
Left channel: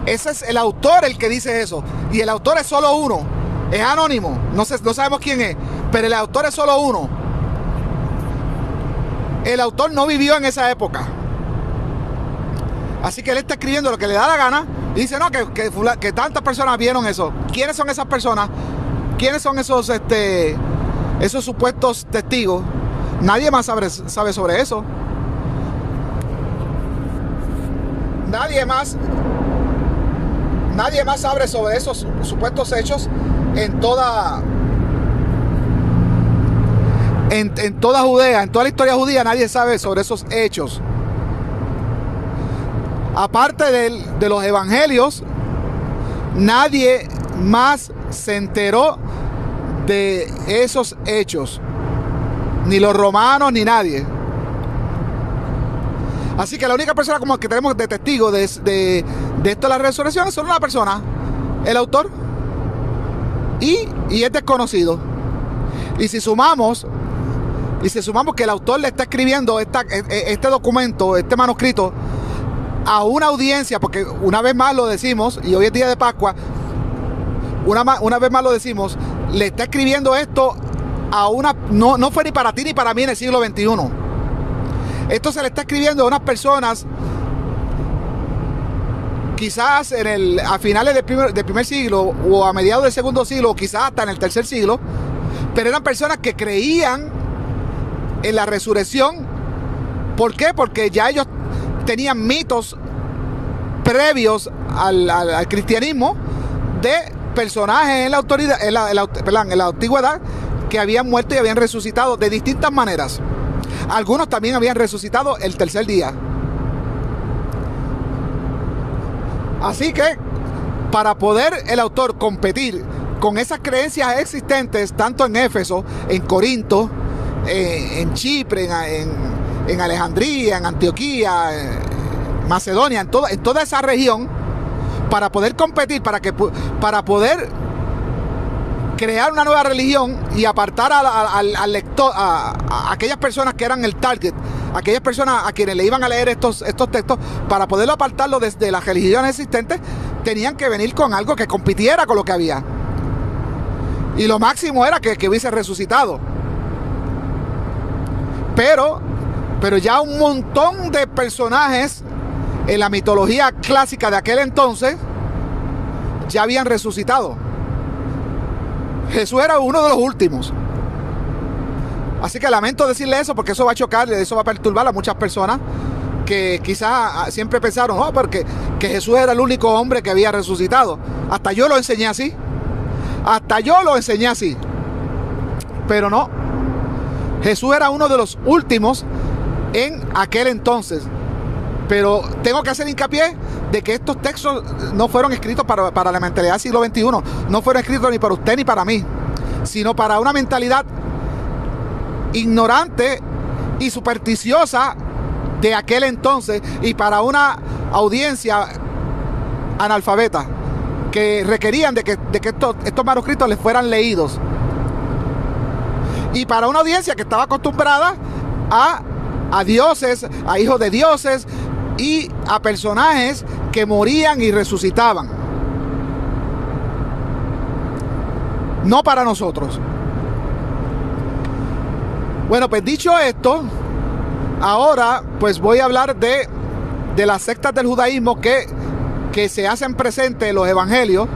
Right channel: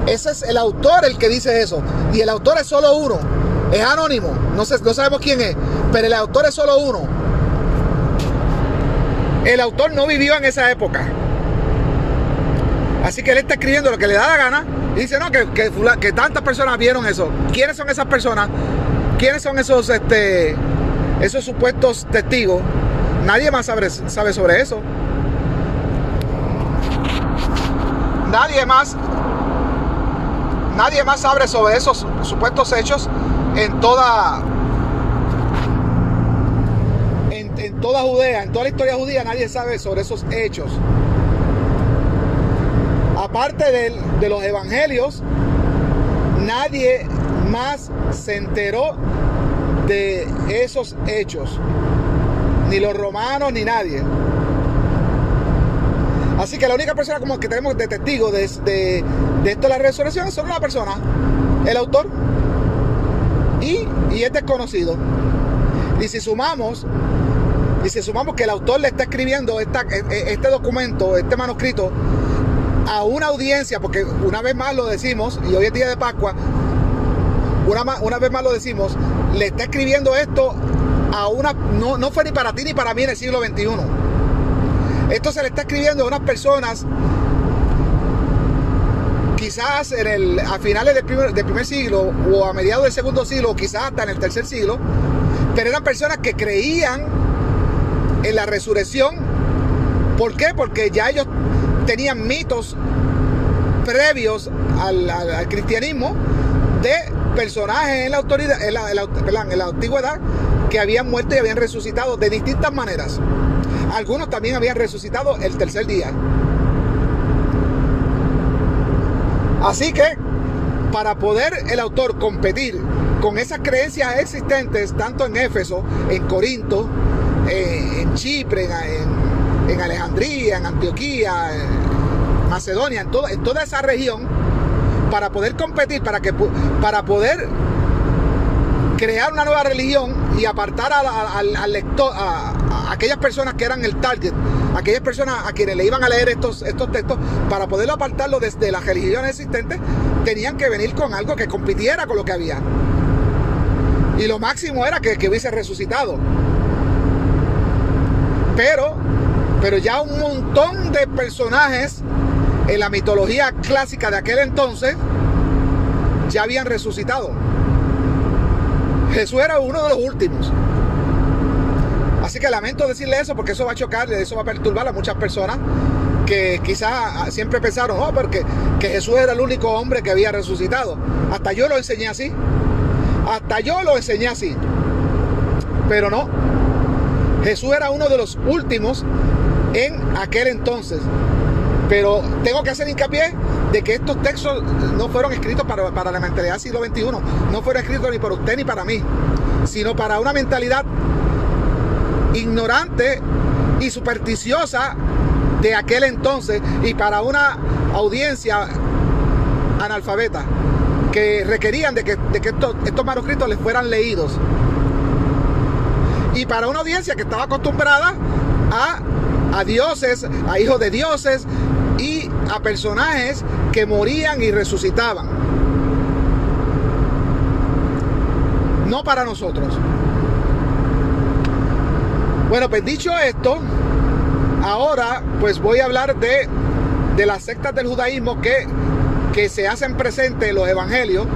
Ese es el autor el que dice eso. Y el autor es solo uno. Es anónimo. No sabemos quién es. Pero el autor es solo uno. El autor no vivió en esa época. Así que él está escribiendo lo que le da la gana. Y dice, no, que tantas personas vieron eso. ¿Quiénes son esas personas? ¿Quiénes son esos supuestos testigos? Nadie más sabe sobre eso. Nadie más sabe sobre esos supuestos hechos en toda Judea, en toda la historia judía. Nadie sabe sobre esos hechos. Aparte de los evangelios, nadie más se enteró de esos hechos. Ni los romanos, ni nadie. Así que la única persona como que tenemos de testigo de esto de la resurrección es solo una persona, el autor, y es desconocido. Y si sumamos que el autor le está escribiendo este documento, este manuscrito, a una audiencia, porque una vez más lo decimos, y hoy es día de Pascua, una vez más lo decimos, le está escribiendo esto a no fue ni para ti ni para mí en el siglo XXI. Esto se le está escribiendo a unas personas quizás a finales del primer siglo, o a mediados del segundo siglo, o quizás hasta en el tercer siglo, pero eran personas que creían en la resurrección. ¿Por qué? Porque ya ellos tenían mitos previos al cristianismo de personajes en la antigüedad que habían muerto y habían resucitado de distintas maneras. Algunos también habían resucitado el tercer día. Así que, para poder el autor competir con esas creencias existentes, tanto en Éfeso, en Corinto, en Chipre, en Alejandría, en Antioquía, en Macedonia, en toda esa región, para poder competir, para poder crear una nueva religión y apartar al lector, a aquellas personas que eran el target, aquellas personas a quienes le iban a leer estos textos, para poderlo apartarlo desde las religiones existentes, tenían que venir con algo que compitiera con lo que había. Y lo máximo era que hubiese resucitado. Pero ya un montón de personajes en la mitología clásica de aquel entonces ya habían resucitado. Jesús era uno de los últimos. Así que lamento decirle eso, porque eso va a chocar, eso va a perturbar a muchas personas que quizás siempre pensaron, porque que Jesús era el único hombre que había resucitado. Hasta yo lo enseñé así. Pero no. Jesús era uno de los últimos en aquel entonces. Pero tengo que hacer hincapié de que estos textos no fueron escritos para la mentalidad del siglo XXI. No fueron escritos ni para usted ni para mí, sino para una mentalidad ignorante y supersticiosa de aquel entonces, y para una audiencia analfabeta que requerían de que estos manuscritos les fueran leídos, y para una audiencia que estaba acostumbrada a dioses, a hijos de dioses y a personajes que morían y resucitaban. No para nosotros. Bueno, pues dicho esto, ahora pues voy a hablar de las sectas del judaísmo que se hacen presentes en los evangelios,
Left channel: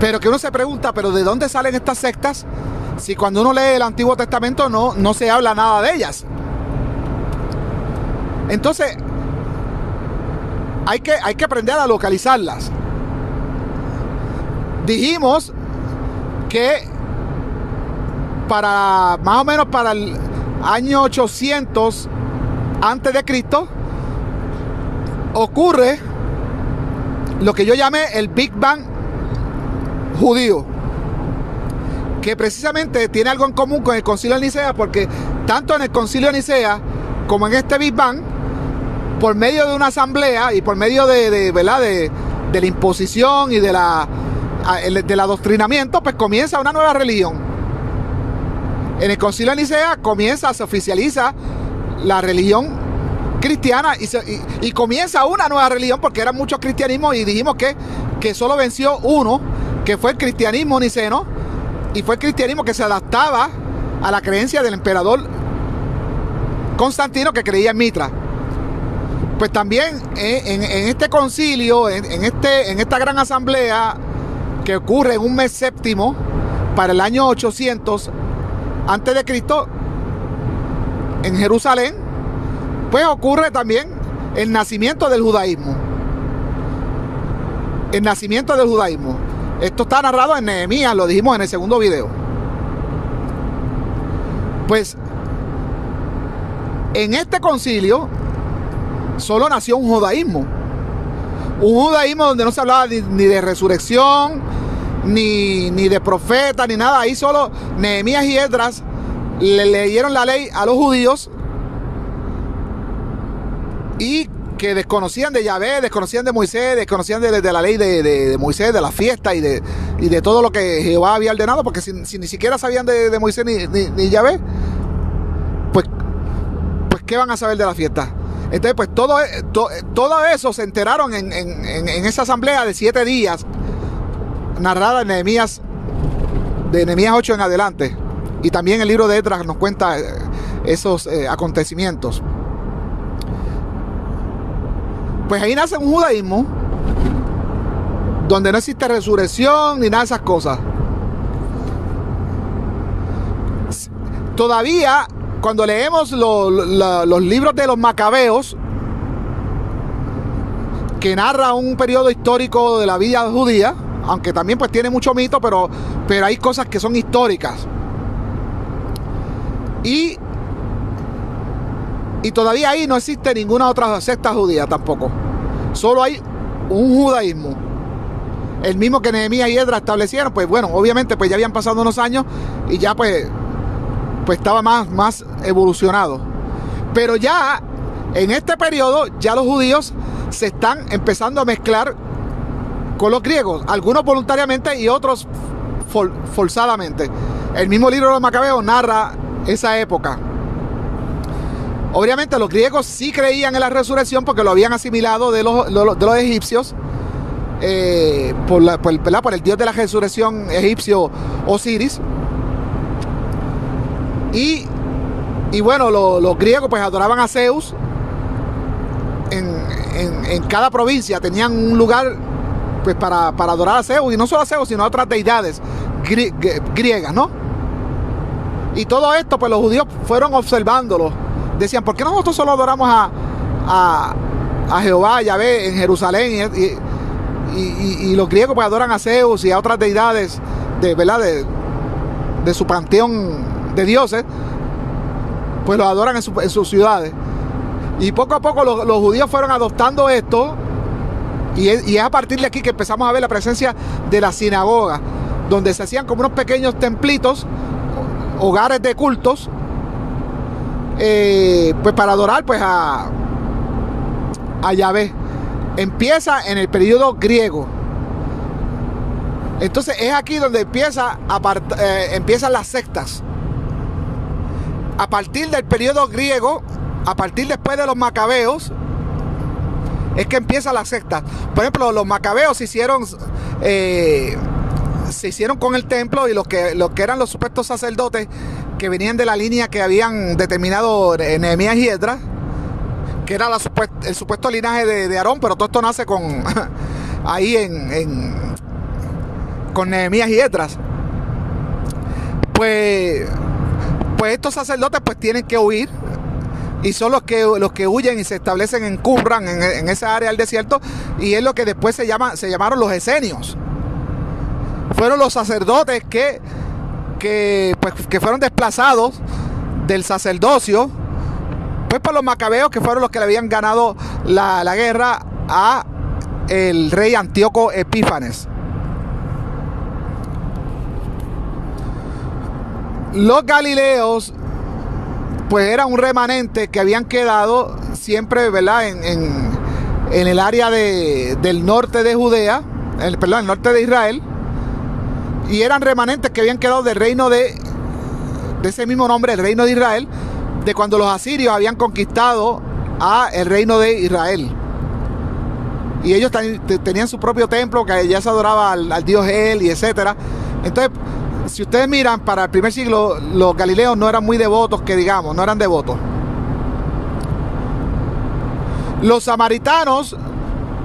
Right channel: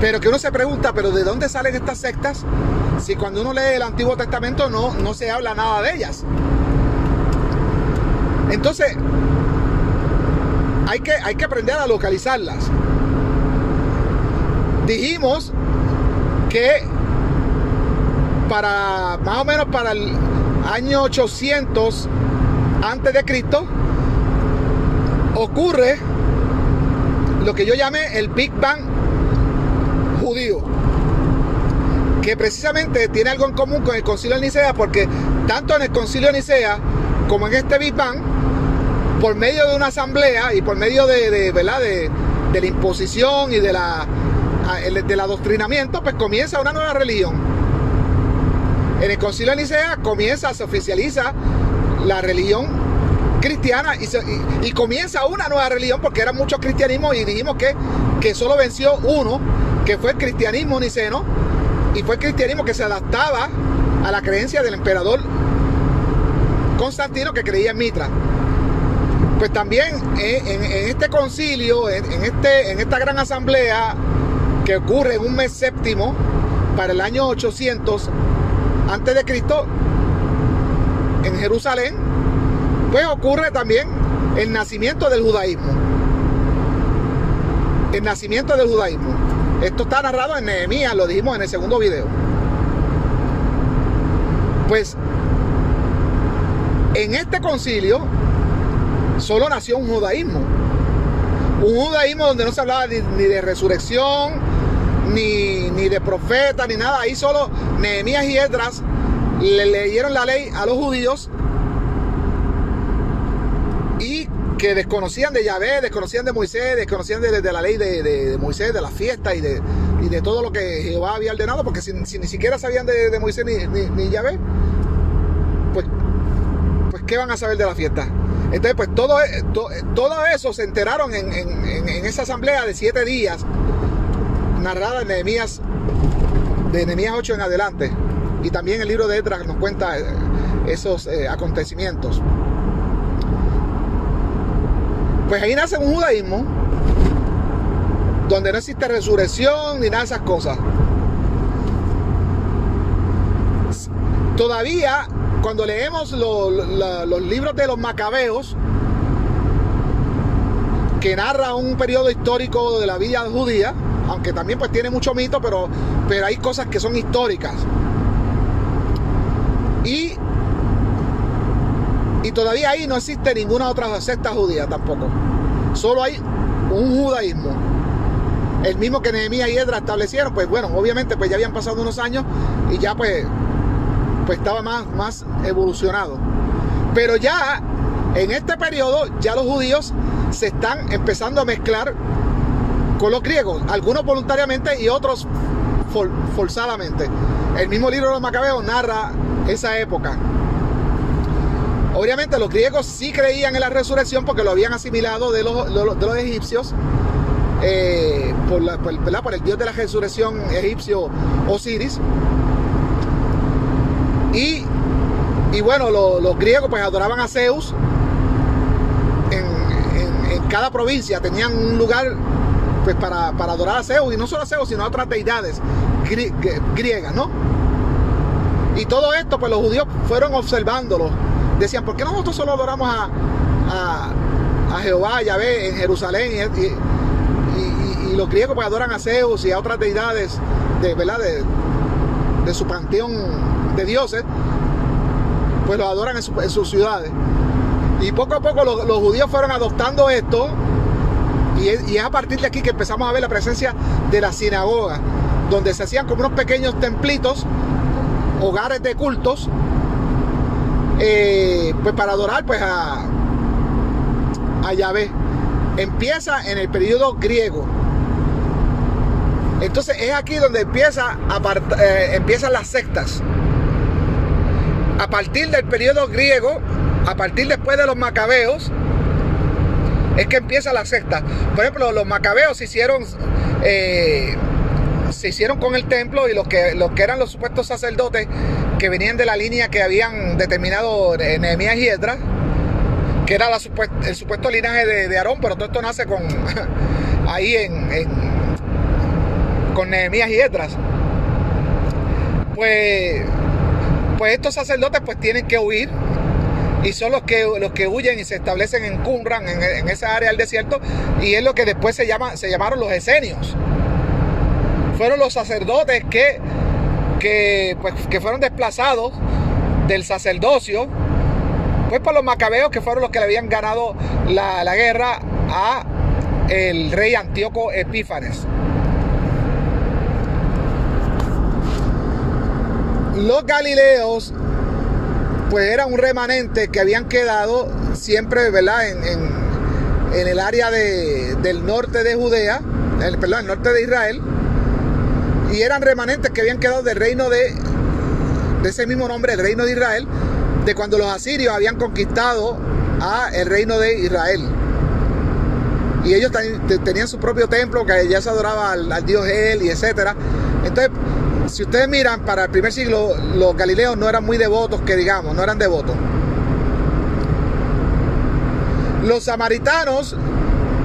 pero que uno se pregunta, ¿pero de dónde salen estas sectas? Si cuando uno lee el Antiguo Testamento no se habla nada de ellas. Entonces, hay que aprender a localizarlas. Dijimos que más o menos para el año 800 antes de Cristo ocurre lo que yo llamé el Big Bang judío, que precisamente tiene algo en común con el Concilio de Nicea, porque tanto en el Concilio de Nicea como en este Big Bang, por medio de una asamblea y por medio de la imposición y del adoctrinamiento, pues comienza una nueva religión. En el Concilio de Nicea se oficializa la religión cristiana y comienza una nueva religión, porque eran muchos cristianismos, y dijimos que solo venció uno, que fue el cristianismo niceno, y fue el cristianismo que se adaptaba a la creencia del emperador Constantino, que creía en Mitra. Pues también en este concilio, en esta gran asamblea que ocurre en un mes séptimo para el año 800 antes de Cristo en Jerusalén, pues ocurre también el nacimiento del judaísmo. El nacimiento del judaísmo. Esto está narrado en Nehemías, lo dijimos en el segundo video. Pues en este concilio solo nació un judaísmo. Un judaísmo donde no se hablaba ni de resurrección, ni de profeta, ni nada. Ahí solo Nehemías y Esdras le leyeron la ley a los judíos, y que desconocían de Yahvé, desconocían de Moisés, desconocían de la ley de Moisés, de la fiesta y de todo lo que Jehová había ordenado, porque si ni siquiera sabían de Moisés ni Yahvé, pues ¿qué van a saber de la fiesta? Entonces, pues todo eso se enteraron en esa asamblea de 7 días, narrada en Nehemías, de Nehemías 8 en adelante. Y también el libro de Esdras nos cuenta esos acontecimientos. Pues ahí nace un judaísmo donde no existe resurrección ni nada de esas cosas. Todavía, cuando leemos los libros de los Macabeos, que narra un periodo histórico de la vida judía, aunque también pues tiene mucho mito, pero hay cosas que son históricas. Y todavía ahí no existe ninguna otra secta judía tampoco. Solo hay un judaísmo, el mismo que Nehemías y Esdras establecieron. Pues bueno, obviamente pues ya habían pasado unos años y ya pues estaba más evolucionado. Pero ya en este periodo ya los judíos se están empezando a mezclar con los griegos, algunos voluntariamente y otros forzadamente. El mismo libro de los Macabeos narra esa época. Obviamente los griegos sí creían en la resurrección, porque lo habían asimilado de los egipcios, por el dios de la resurrección egipcio Osiris. Y bueno, los griegos pues adoraban a Zeus. En cada provincia tenían un lugar pues para adorar a Zeus, y no solo a Zeus, sino a otras deidades griegas, ¿no? Y todo esto pues los judíos fueron observándolo. Decían, ¿por qué nosotros solo adoramos a Jehová, a Yahvé en Jerusalén? Y los griegos pues adoran a Zeus y a otras deidades de su panteón de dioses, pues los adoran en sus ciudades. Y poco a poco los judíos fueron adoptando esto, y es a partir de aquí que empezamos a ver la presencia de la sinagoga, donde se hacían como unos pequeños templitos, hogares de cultos, pues para adorar pues a Yahvé. Empieza en el periodo griego. Entonces es aquí donde empiezan las sectas. A partir del periodo griego, a partir después de los Macabeos, es que empieza la secta. Por ejemplo, los Macabeos se hicieron con el templo, y los que eran los supuestos sacerdotes que venían de la línea que habían determinado Nehemías y Esdras, que era el supuesto linaje de Aarón, pero todo esto nace con Nehemías y Esdras. Pues estos sacerdotes pues tienen que huir, y son los que huyen y se establecen en Qumran, en esa área del desierto, y es lo que después se llamaron los esenios. Fueron los sacerdotes que fueron desplazados del sacerdocio pues por los Macabeos, que fueron los que le habían ganado la guerra a el rey Antíoco Epífanes. Los galileos pues eran un remanente que habían quedado siempre, ¿verdad?, en el área del norte de Judea, el norte de Israel, y eran remanentes que habían quedado del reino de ese mismo nombre, el reino de Israel, de cuando los asirios habían conquistado a el reino de Israel. Y ellos tenían su propio templo que ya se adoraba al dios El y etcétera. Entonces, si ustedes miran, para el primer siglo los galileos no eran muy devotos, que digamos, no eran devotos. Los samaritanos,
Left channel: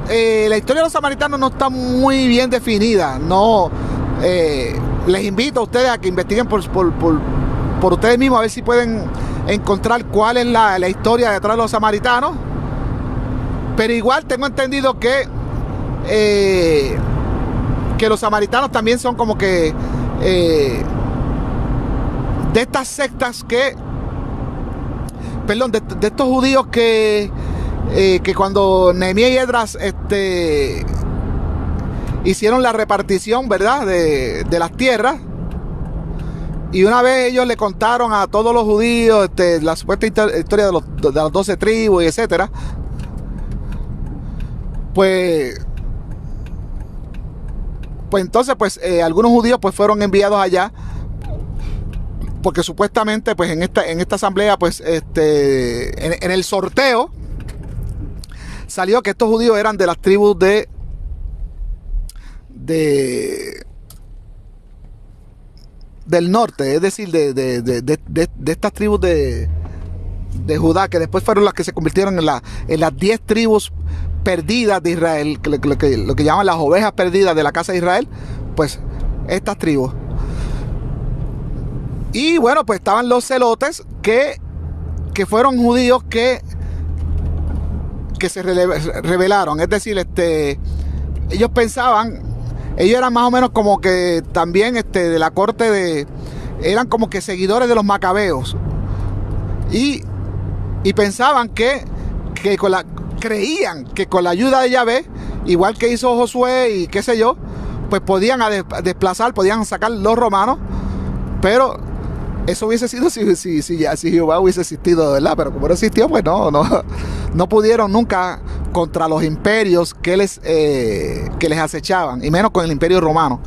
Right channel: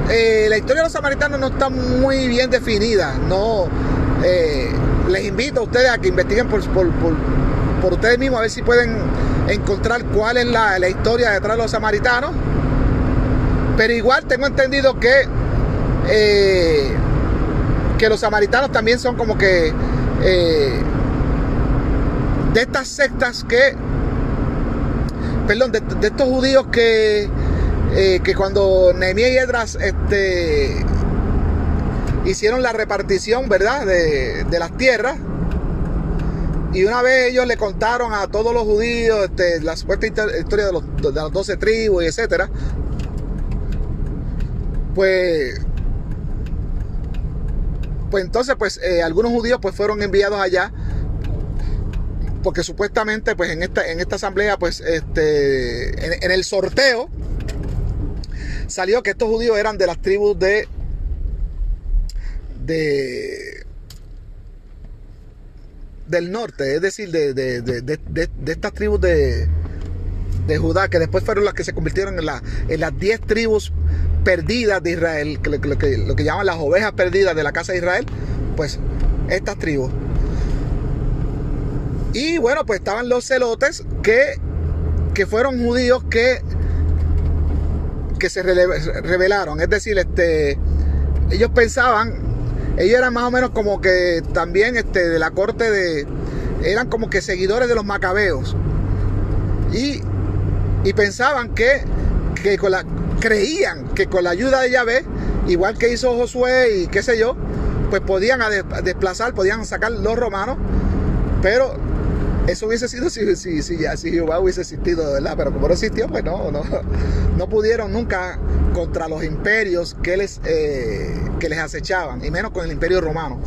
la historia de los samaritanos no está muy bien definida. No, les invito a ustedes a que investiguen por ustedes mismos, a ver si pueden encontrar cuál es la historia detrás de los samaritanos. Pero igual tengo entendido que los samaritanos también son como que de estas sectas que, perdón, de estos judíos que cuando Nehemías y Esdras hicieron la repartición, ¿verdad?, de las tierras, y una vez ellos le contaron a todos los judíos la supuesta historia de las 12 tribus y etcétera, pues entonces algunos judíos pues fueron enviados allá, porque supuestamente pues en esta asamblea pues en el sorteo salió que estos judíos eran de las tribus del norte, es decir, de estas tribus de Judá, que después fueron las que se convirtieron en las 10 tribus perdidas de Israel, lo que llaman las ovejas perdidas de la casa de Israel, pues estas tribus. Y bueno, pues estaban los celotes que fueron judíos que se rebelaron, es decir, ellos pensaban, ellos eran más o menos como que también de la corte eran como que seguidores de los macabeos, y pensaban creían que con la ayuda de Yahvé, igual que hizo Josué y qué sé yo, pues podían podían sacar los romanos. Pero eso hubiese sido si Jehová hubiese existido, ¿verdad? Pero como no existió, pues no pudieron nunca contra los imperios que les acechaban, y menos con el imperio romano.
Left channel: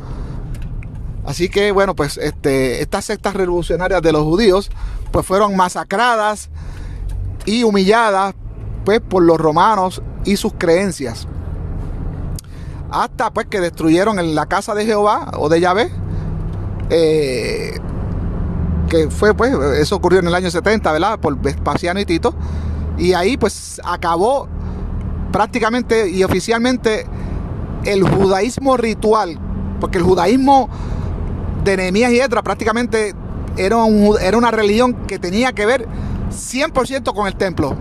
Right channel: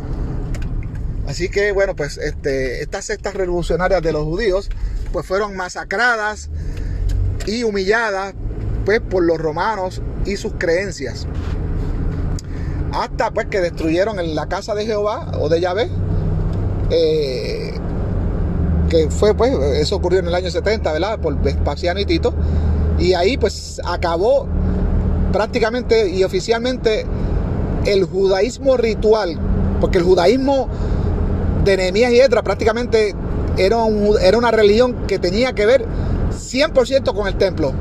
Así que bueno, pues estas sectas revolucionarias de los judíos pues fueron masacradas y humilladas pues por los romanos y sus creencias, hasta pues que destruyeron la casa de Jehová o de Yahvé, que fue pues, eso ocurrió en el año 70, ¿verdad?, por Vespasiano y Tito, y ahí pues acabó prácticamente y oficialmente el judaísmo ritual, porque el judaísmo de Nehemías y Esdras prácticamente era una religión que tenía que ver 100% con el templo.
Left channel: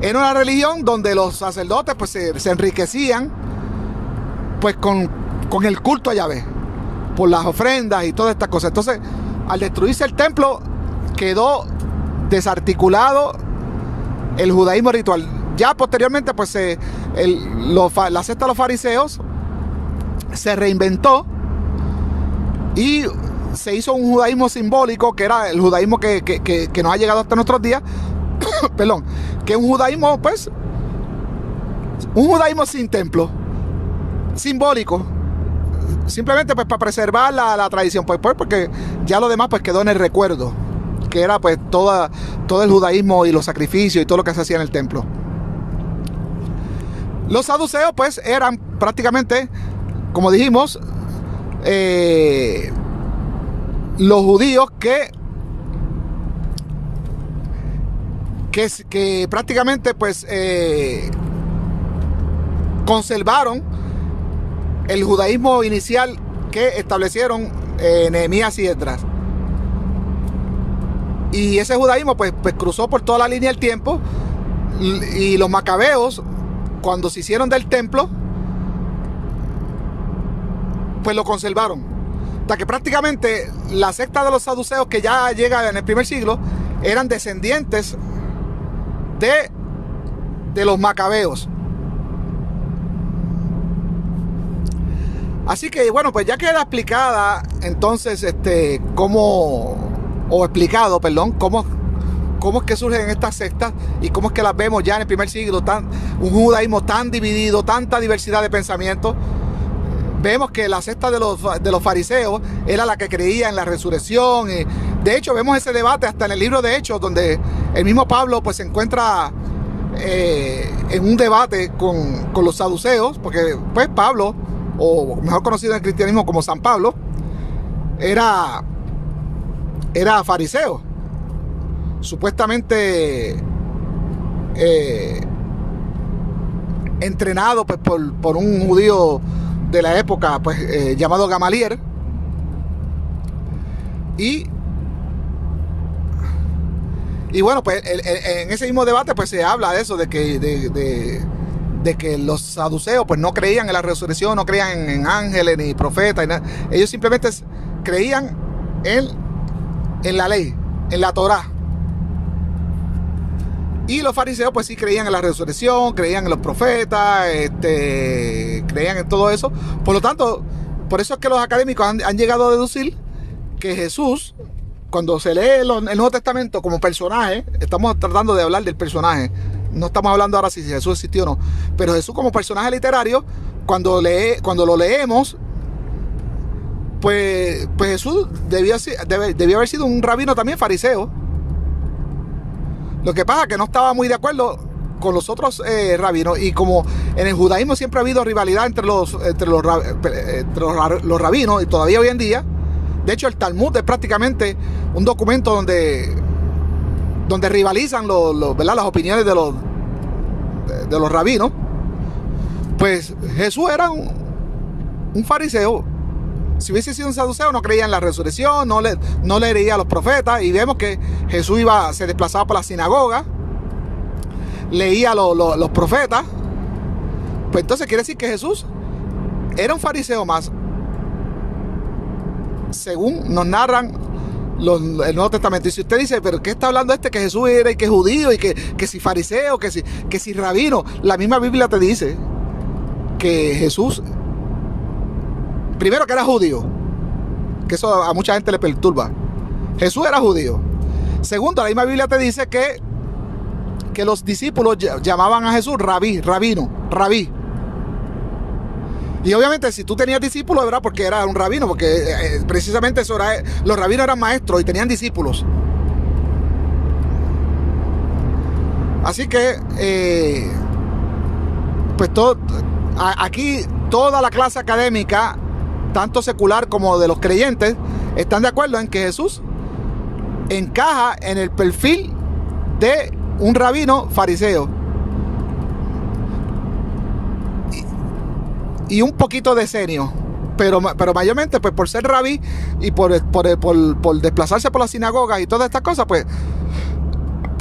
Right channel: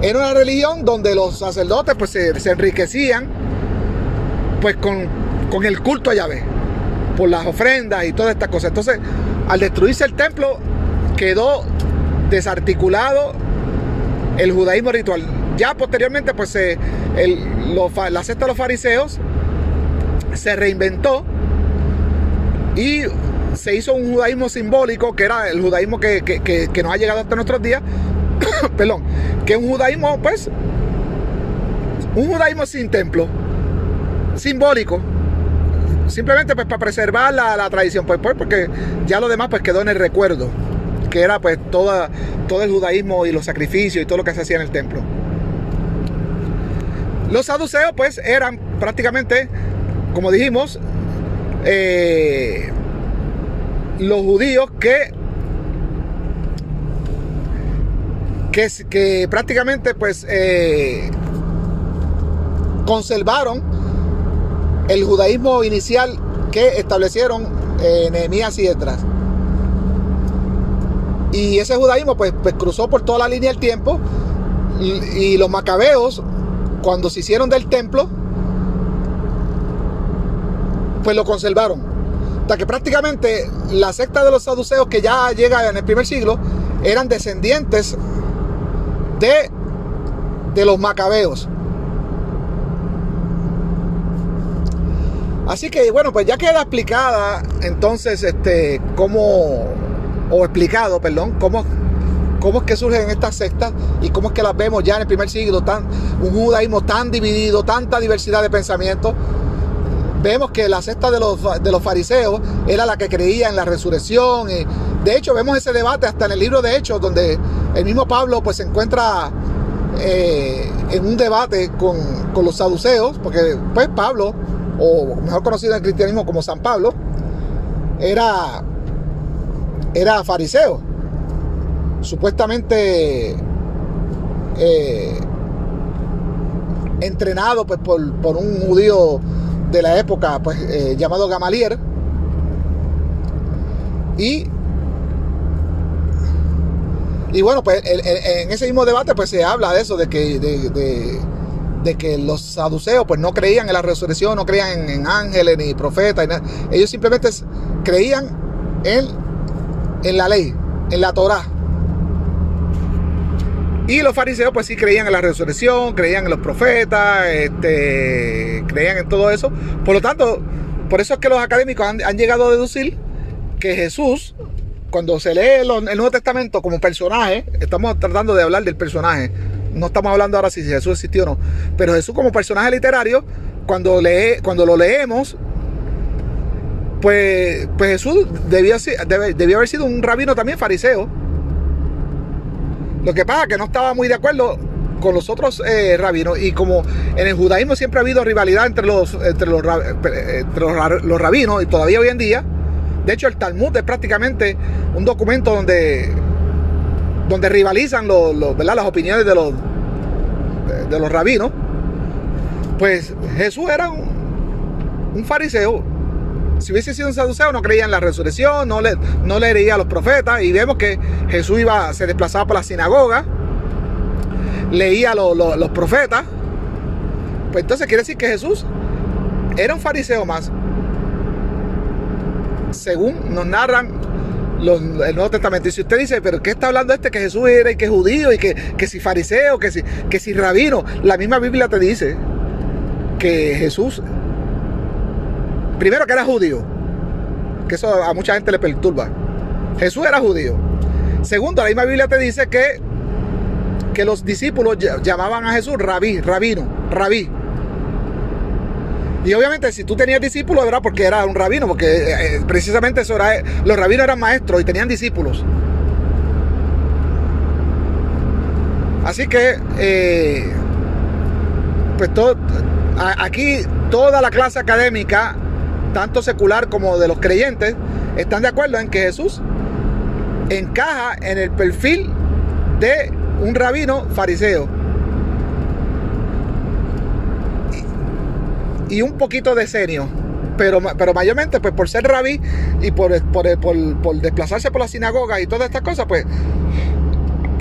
Era una religión donde los sacerdotes pues se enriquecían pues con el culto a Yahvé, por las ofrendas y todas estas cosas. Entonces, al destruirse el templo, quedó desarticulado el judaísmo ritual. Ya posteriormente pues la secta de los fariseos se reinventó y se hizo un judaísmo simbólico, que era el judaísmo que nos ha llegado hasta nuestros días. Perdón, que es un judaísmo, pues, un judaísmo sin templo, simbólico, simplemente pues para preservar la tradición, pues porque ya lo demás pues quedó en el recuerdo, que era pues todo el judaísmo y los sacrificios y todo lo que se hacía en el templo. Los saduceos pues eran prácticamente, como dijimos, los judíos que prácticamente pues conservaron el judaísmo inicial que establecieron Nehemías y Esdras. Y ese judaísmo pues cruzó por toda la línea del tiempo, y los macabeos, cuando se hicieron del templo, pues lo conservaron. Hasta que prácticamente la secta de los saduceos, que ya llega en el primer siglo, eran descendientes de los macabeos. Así que bueno, pues ya queda explicada entonces cómo es que surgen estas sectas y cómo es que las vemos ya en el primer siglo, un judaísmo tan dividido, tanta diversidad de pensamientos. Vemos que la secta de los fariseos era la que creía en la resurrección. De hecho, vemos ese debate hasta en el libro de Hechos, donde el mismo Pablo pues se encuentra en un debate con los saduceos, porque pues Pablo, o mejor conocido en el cristianismo como San Pablo, era fariseo, supuestamente entrenado pues por un judío de la época pues llamado Gamaliel. Y bueno, pues en ese mismo debate pues se habla de eso, de que los saduceos pues no creían en la resurrección, no creían en ángeles ni profetas, ni nada. Ellos simplemente creían en la ley, en la Torá. Y los fariseos pues sí creían en la resurrección, creían en los profetas, creían en todo eso. Por lo tanto, por eso es que los académicos han llegado a deducir que Jesús, cuando se lee el Nuevo Testamento como personaje, estamos tratando de hablar del personaje, no estamos hablando ahora si Jesús existió o no, pero Jesús como personaje literario, cuando lo leemos, pues Jesús debió haber sido un rabino también fariseo. Lo que pasa es que no estaba muy de acuerdo con los otros rabinos, y como en el judaísmo siempre ha habido rivalidad entre los rabinos, y todavía hoy en día. De hecho, el Talmud es prácticamente un documento donde rivalizan ¿verdad? Las opiniones de los rabinos. Pues Jesús era un fariseo. Si hubiese sido un saduceo, no creía en la resurrección, no leería a los profetas. Y vemos que Jesús se desplazaba por la sinagoga, leía los profetas. Pues entonces quiere decir que Jesús era un fariseo más, según nos narran el Nuevo Testamento. Y si usted dice, pero ¿qué está hablando que Jesús era y que judío y que si fariseo, que si rabino? La misma Biblia te dice que Jesús, primero, que era judío, que eso a mucha gente le perturba. Jesús era judío. Segundo, la misma Biblia te dice que los discípulos llamaban a Jesús rabí, rabino, rabí. Y obviamente si tú tenías discípulos era porque era un rabino, porque precisamente eso era, los rabinos eran maestros y tenían discípulos. Así que pues aquí toda la clase académica, tanto secular como de los creyentes, están de acuerdo en que Jesús encaja en el perfil de un rabino fariseo y un poquito de senio, pero mayormente pues por ser rabí y por desplazarse por la sinagoga y todas estas cosas, pues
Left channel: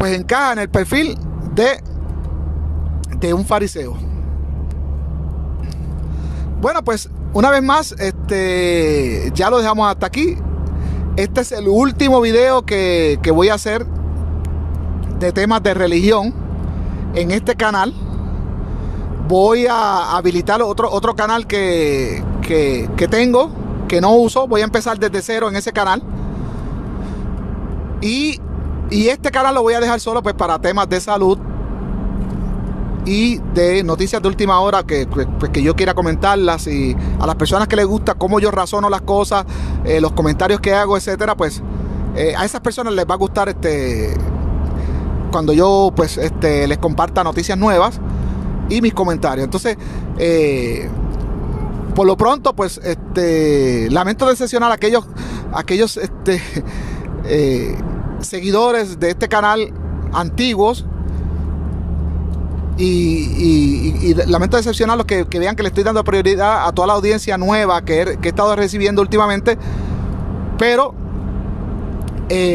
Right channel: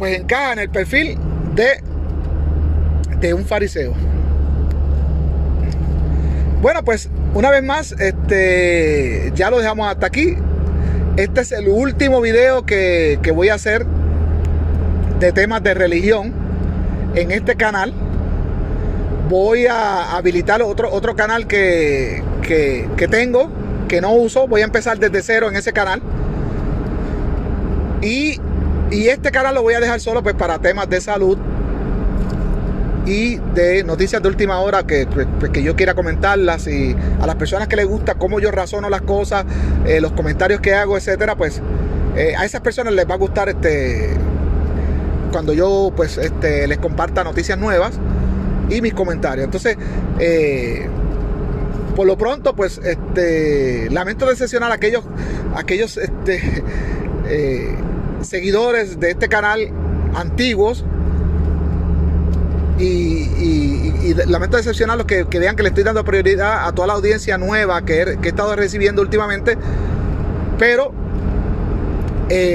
encaja en el perfil de un fariseo. Bueno, pues una vez más, ya lo dejamos hasta aquí. Este es el último video que voy a hacer de temas de religión en este canal. Voy a habilitar otro canal que tengo, que no uso. Voy a empezar desde cero en ese canal. Y este canal lo voy a dejar solo pues para temas de salud y de noticias de última hora que yo quiera comentarlas, y a las personas que les gusta cómo yo razono las cosas, los comentarios que hago, etcétera, pues a esas personas les va a gustar cuando yo pues les comparta noticias nuevas y mis comentarios. Entonces por lo pronto pues lamento decepcionar a aquellos seguidores de este canal antiguos, y lamento decepcionar a los que vean que le estoy dando prioridad a toda la audiencia nueva que he estado recibiendo últimamente. Pero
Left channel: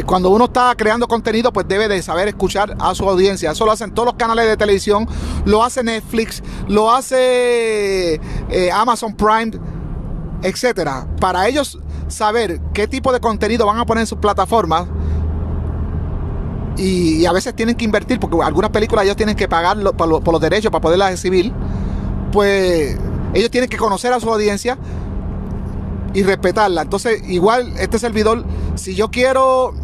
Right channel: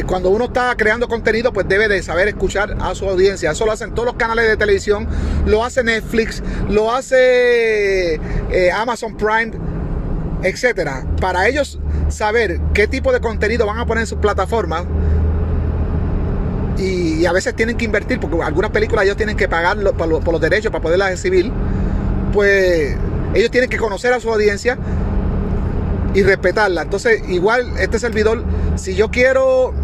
cuando uno está creando contenido, pues debe de saber escuchar a su audiencia. Eso lo hacen todos los canales de televisión, lo hace Netflix, lo hace Amazon Prime, etcétera. Para ellos saber qué tipo de contenido van a poner en sus plataformas, y a veces tienen que invertir, porque algunas películas ellos tienen que pagar por los derechos para poderlas exhibir. Pues ellos tienen que conocer a su audiencia y respetarla. Entonces igual este servidor, si yo quiero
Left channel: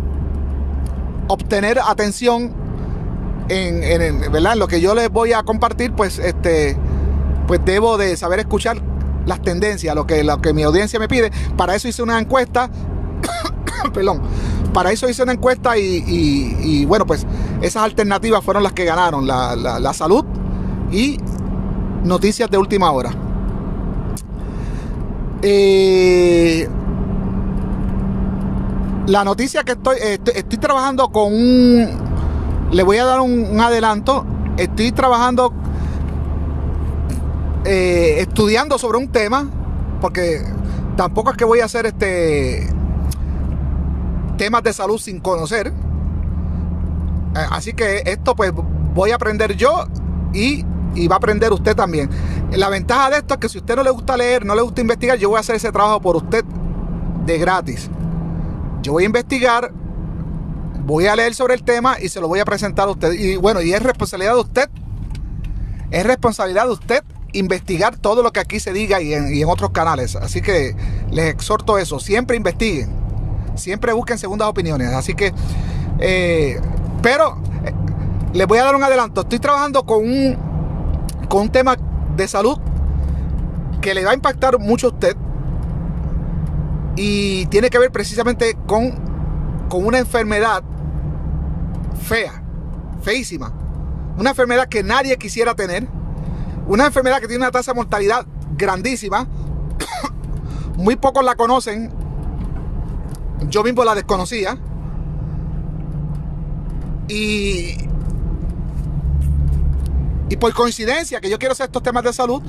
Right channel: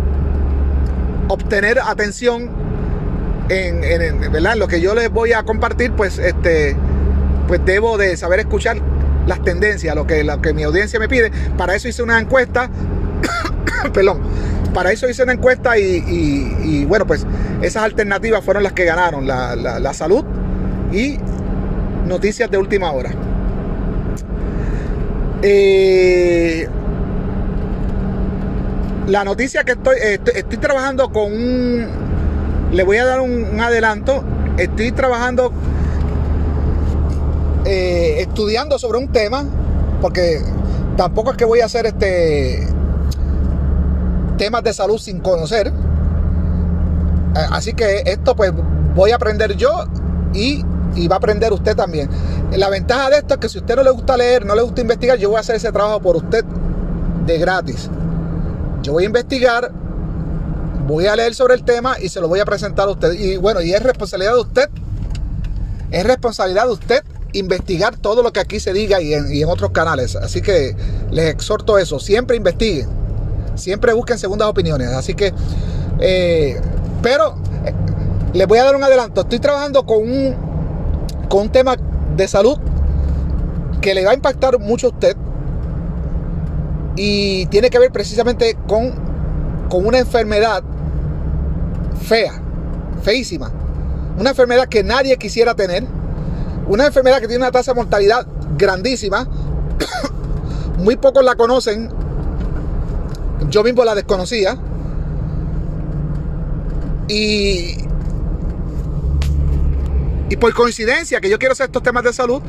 obtener atención ¿verdad?, en lo que yo les voy a compartir, pues pues debo de saber escuchar las tendencias, lo que mi audiencia me pide. Para eso hice una encuesta perdón, para eso hice una encuesta, y bueno, pues esas alternativas fueron las que ganaron, la salud y noticias de última hora. La noticia que estoy trabajando con le voy a dar un adelanto. Estoy trabajando, estudiando sobre un tema, porque tampoco es que voy a hacer temas de salud sin conocer. Así que esto pues voy a aprender yo y va a aprender usted también. La ventaja de esto es que si a usted no le gusta leer, no le gusta investigar, yo voy a hacer ese trabajo por usted de gratis. Yo voy a investigar, voy a leer sobre el tema y se lo voy a presentar a usted. Y bueno, y es responsabilidad de usted. Es responsabilidad de usted investigar todo lo que aquí se diga y en otros canales. Así que les exhorto eso. Siempre investiguen. Siempre busquen segundas opiniones. Así que, pero les voy a dar un adelanto. Estoy trabajando con un tema de salud que le va a impactar mucho a usted. Y tiene que ver precisamente con una enfermedad fea, feísima. Una enfermedad que nadie quisiera tener. Una enfermedad que tiene una tasa de mortalidad grandísima. Muy pocos la conocen. Yo mismo la desconocía. Y por coincidencia que yo quiero hacer estos temas de salud,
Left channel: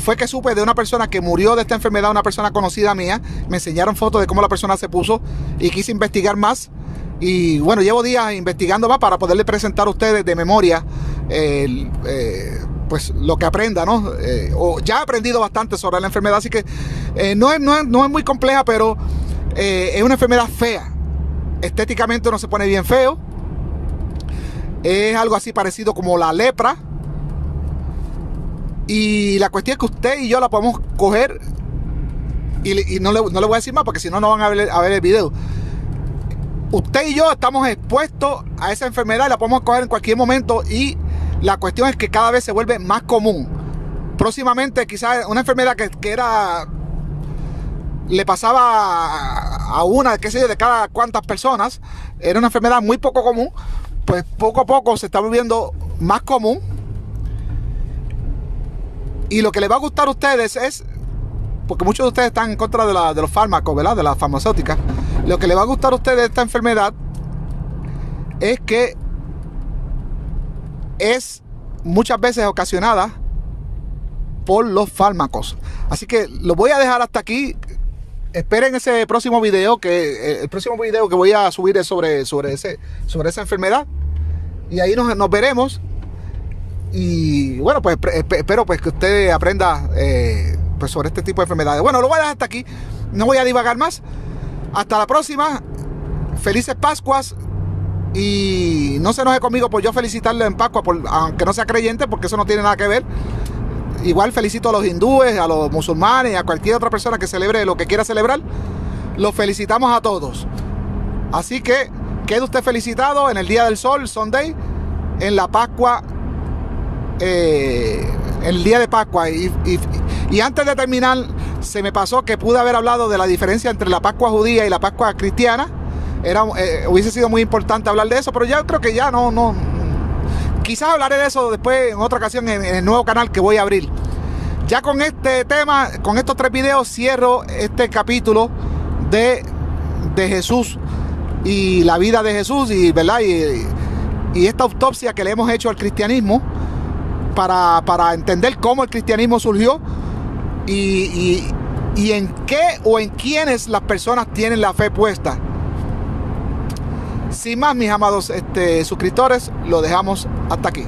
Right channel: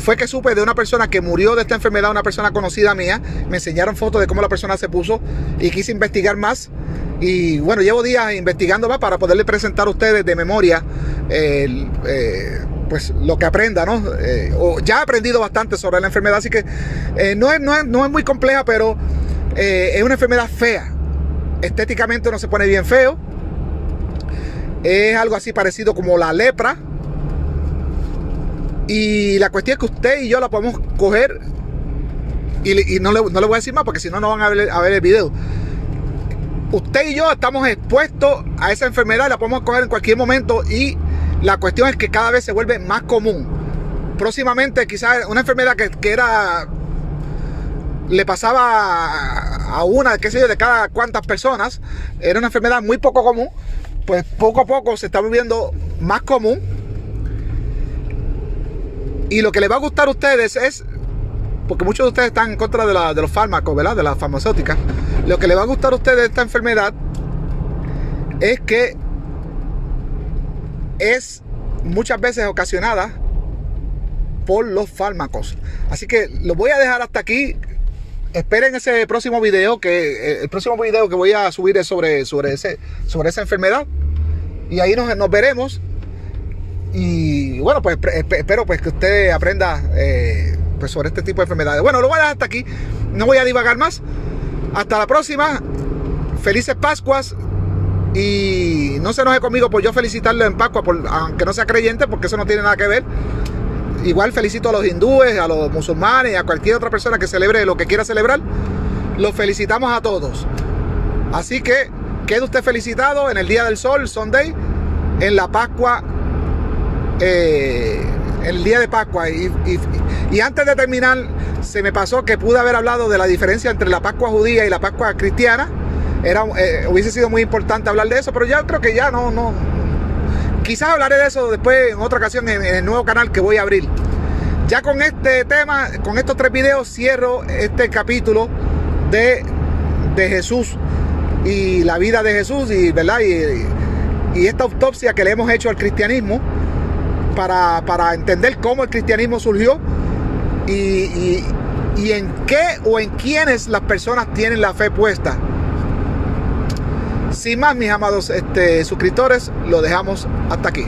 fue que supe de una persona que murió de esta enfermedad, una persona conocida mía. Me enseñaron fotos de cómo la persona se puso y quise investigar más. Y bueno, llevo días investigando más para poderle presentar a ustedes de memoria pues lo que aprenda, ¿no? Ya he aprendido bastante sobre la enfermedad, así que no es muy compleja, pero es una enfermedad fea. Estéticamente uno se pone bien feo. Es algo así parecido como la lepra. Y la cuestión es que usted y yo la podemos coger. Y no le voy a decir más porque si no, no van a ver el video. Usted y yo estamos expuestos a esa enfermedad y la podemos coger en cualquier momento. Y la cuestión es que cada vez se vuelve más común. Próximamente quizás una enfermedad que le pasaba a una, qué sé yo, de cada cuantas personas. Era una enfermedad muy poco común. Pues poco a poco se está volviendo más común. Y lo que les va a gustar a ustedes es, porque muchos de ustedes están en contra de los fármacos, ¿verdad? De las farmacéuticas. Lo que les va a gustar a ustedes de esta enfermedad es que es muchas veces ocasionada por los fármacos. Así que lo voy a dejar hasta aquí. Esperen ese próximo video, que el próximo video que voy a subir es sobre esa enfermedad. Y ahí nos veremos. Y bueno, pues espero pues que usted aprenda pues sobre este tipo de enfermedades. Bueno, lo voy a dejar hasta aquí. No voy a divagar más. Hasta la próxima. Felices Pascuas. Y no se enoje conmigo por yo felicitarle en Pascua, aunque no sea creyente, porque eso no tiene nada que ver. Igual felicito a los hindúes, a los musulmanes, a cualquier otra persona que celebre lo que quiera celebrar. Los felicitamos a todos. Así que quede usted felicitado en el Día del Sol, Sunday, en la Pascua, en el día de Pascua. Y antes de terminar, se me pasó que pude haber hablado de la diferencia entre la Pascua judía y la Pascua cristiana. Hubiese sido muy importante hablar de eso, pero ya creo que ya no. Quizás hablaré de eso después en otra ocasión en el nuevo canal que voy a abrir. Ya con este tema, con estos 3 videos, cierro este capítulo de Jesús y la vida de Jesús, y ¿verdad? Y esta autopsia que le hemos hecho al cristianismo para entender cómo el cristianismo surgió y en qué o en quiénes las personas tienen la fe puesta. Sin más, mis amados suscriptores, lo dejamos hasta aquí.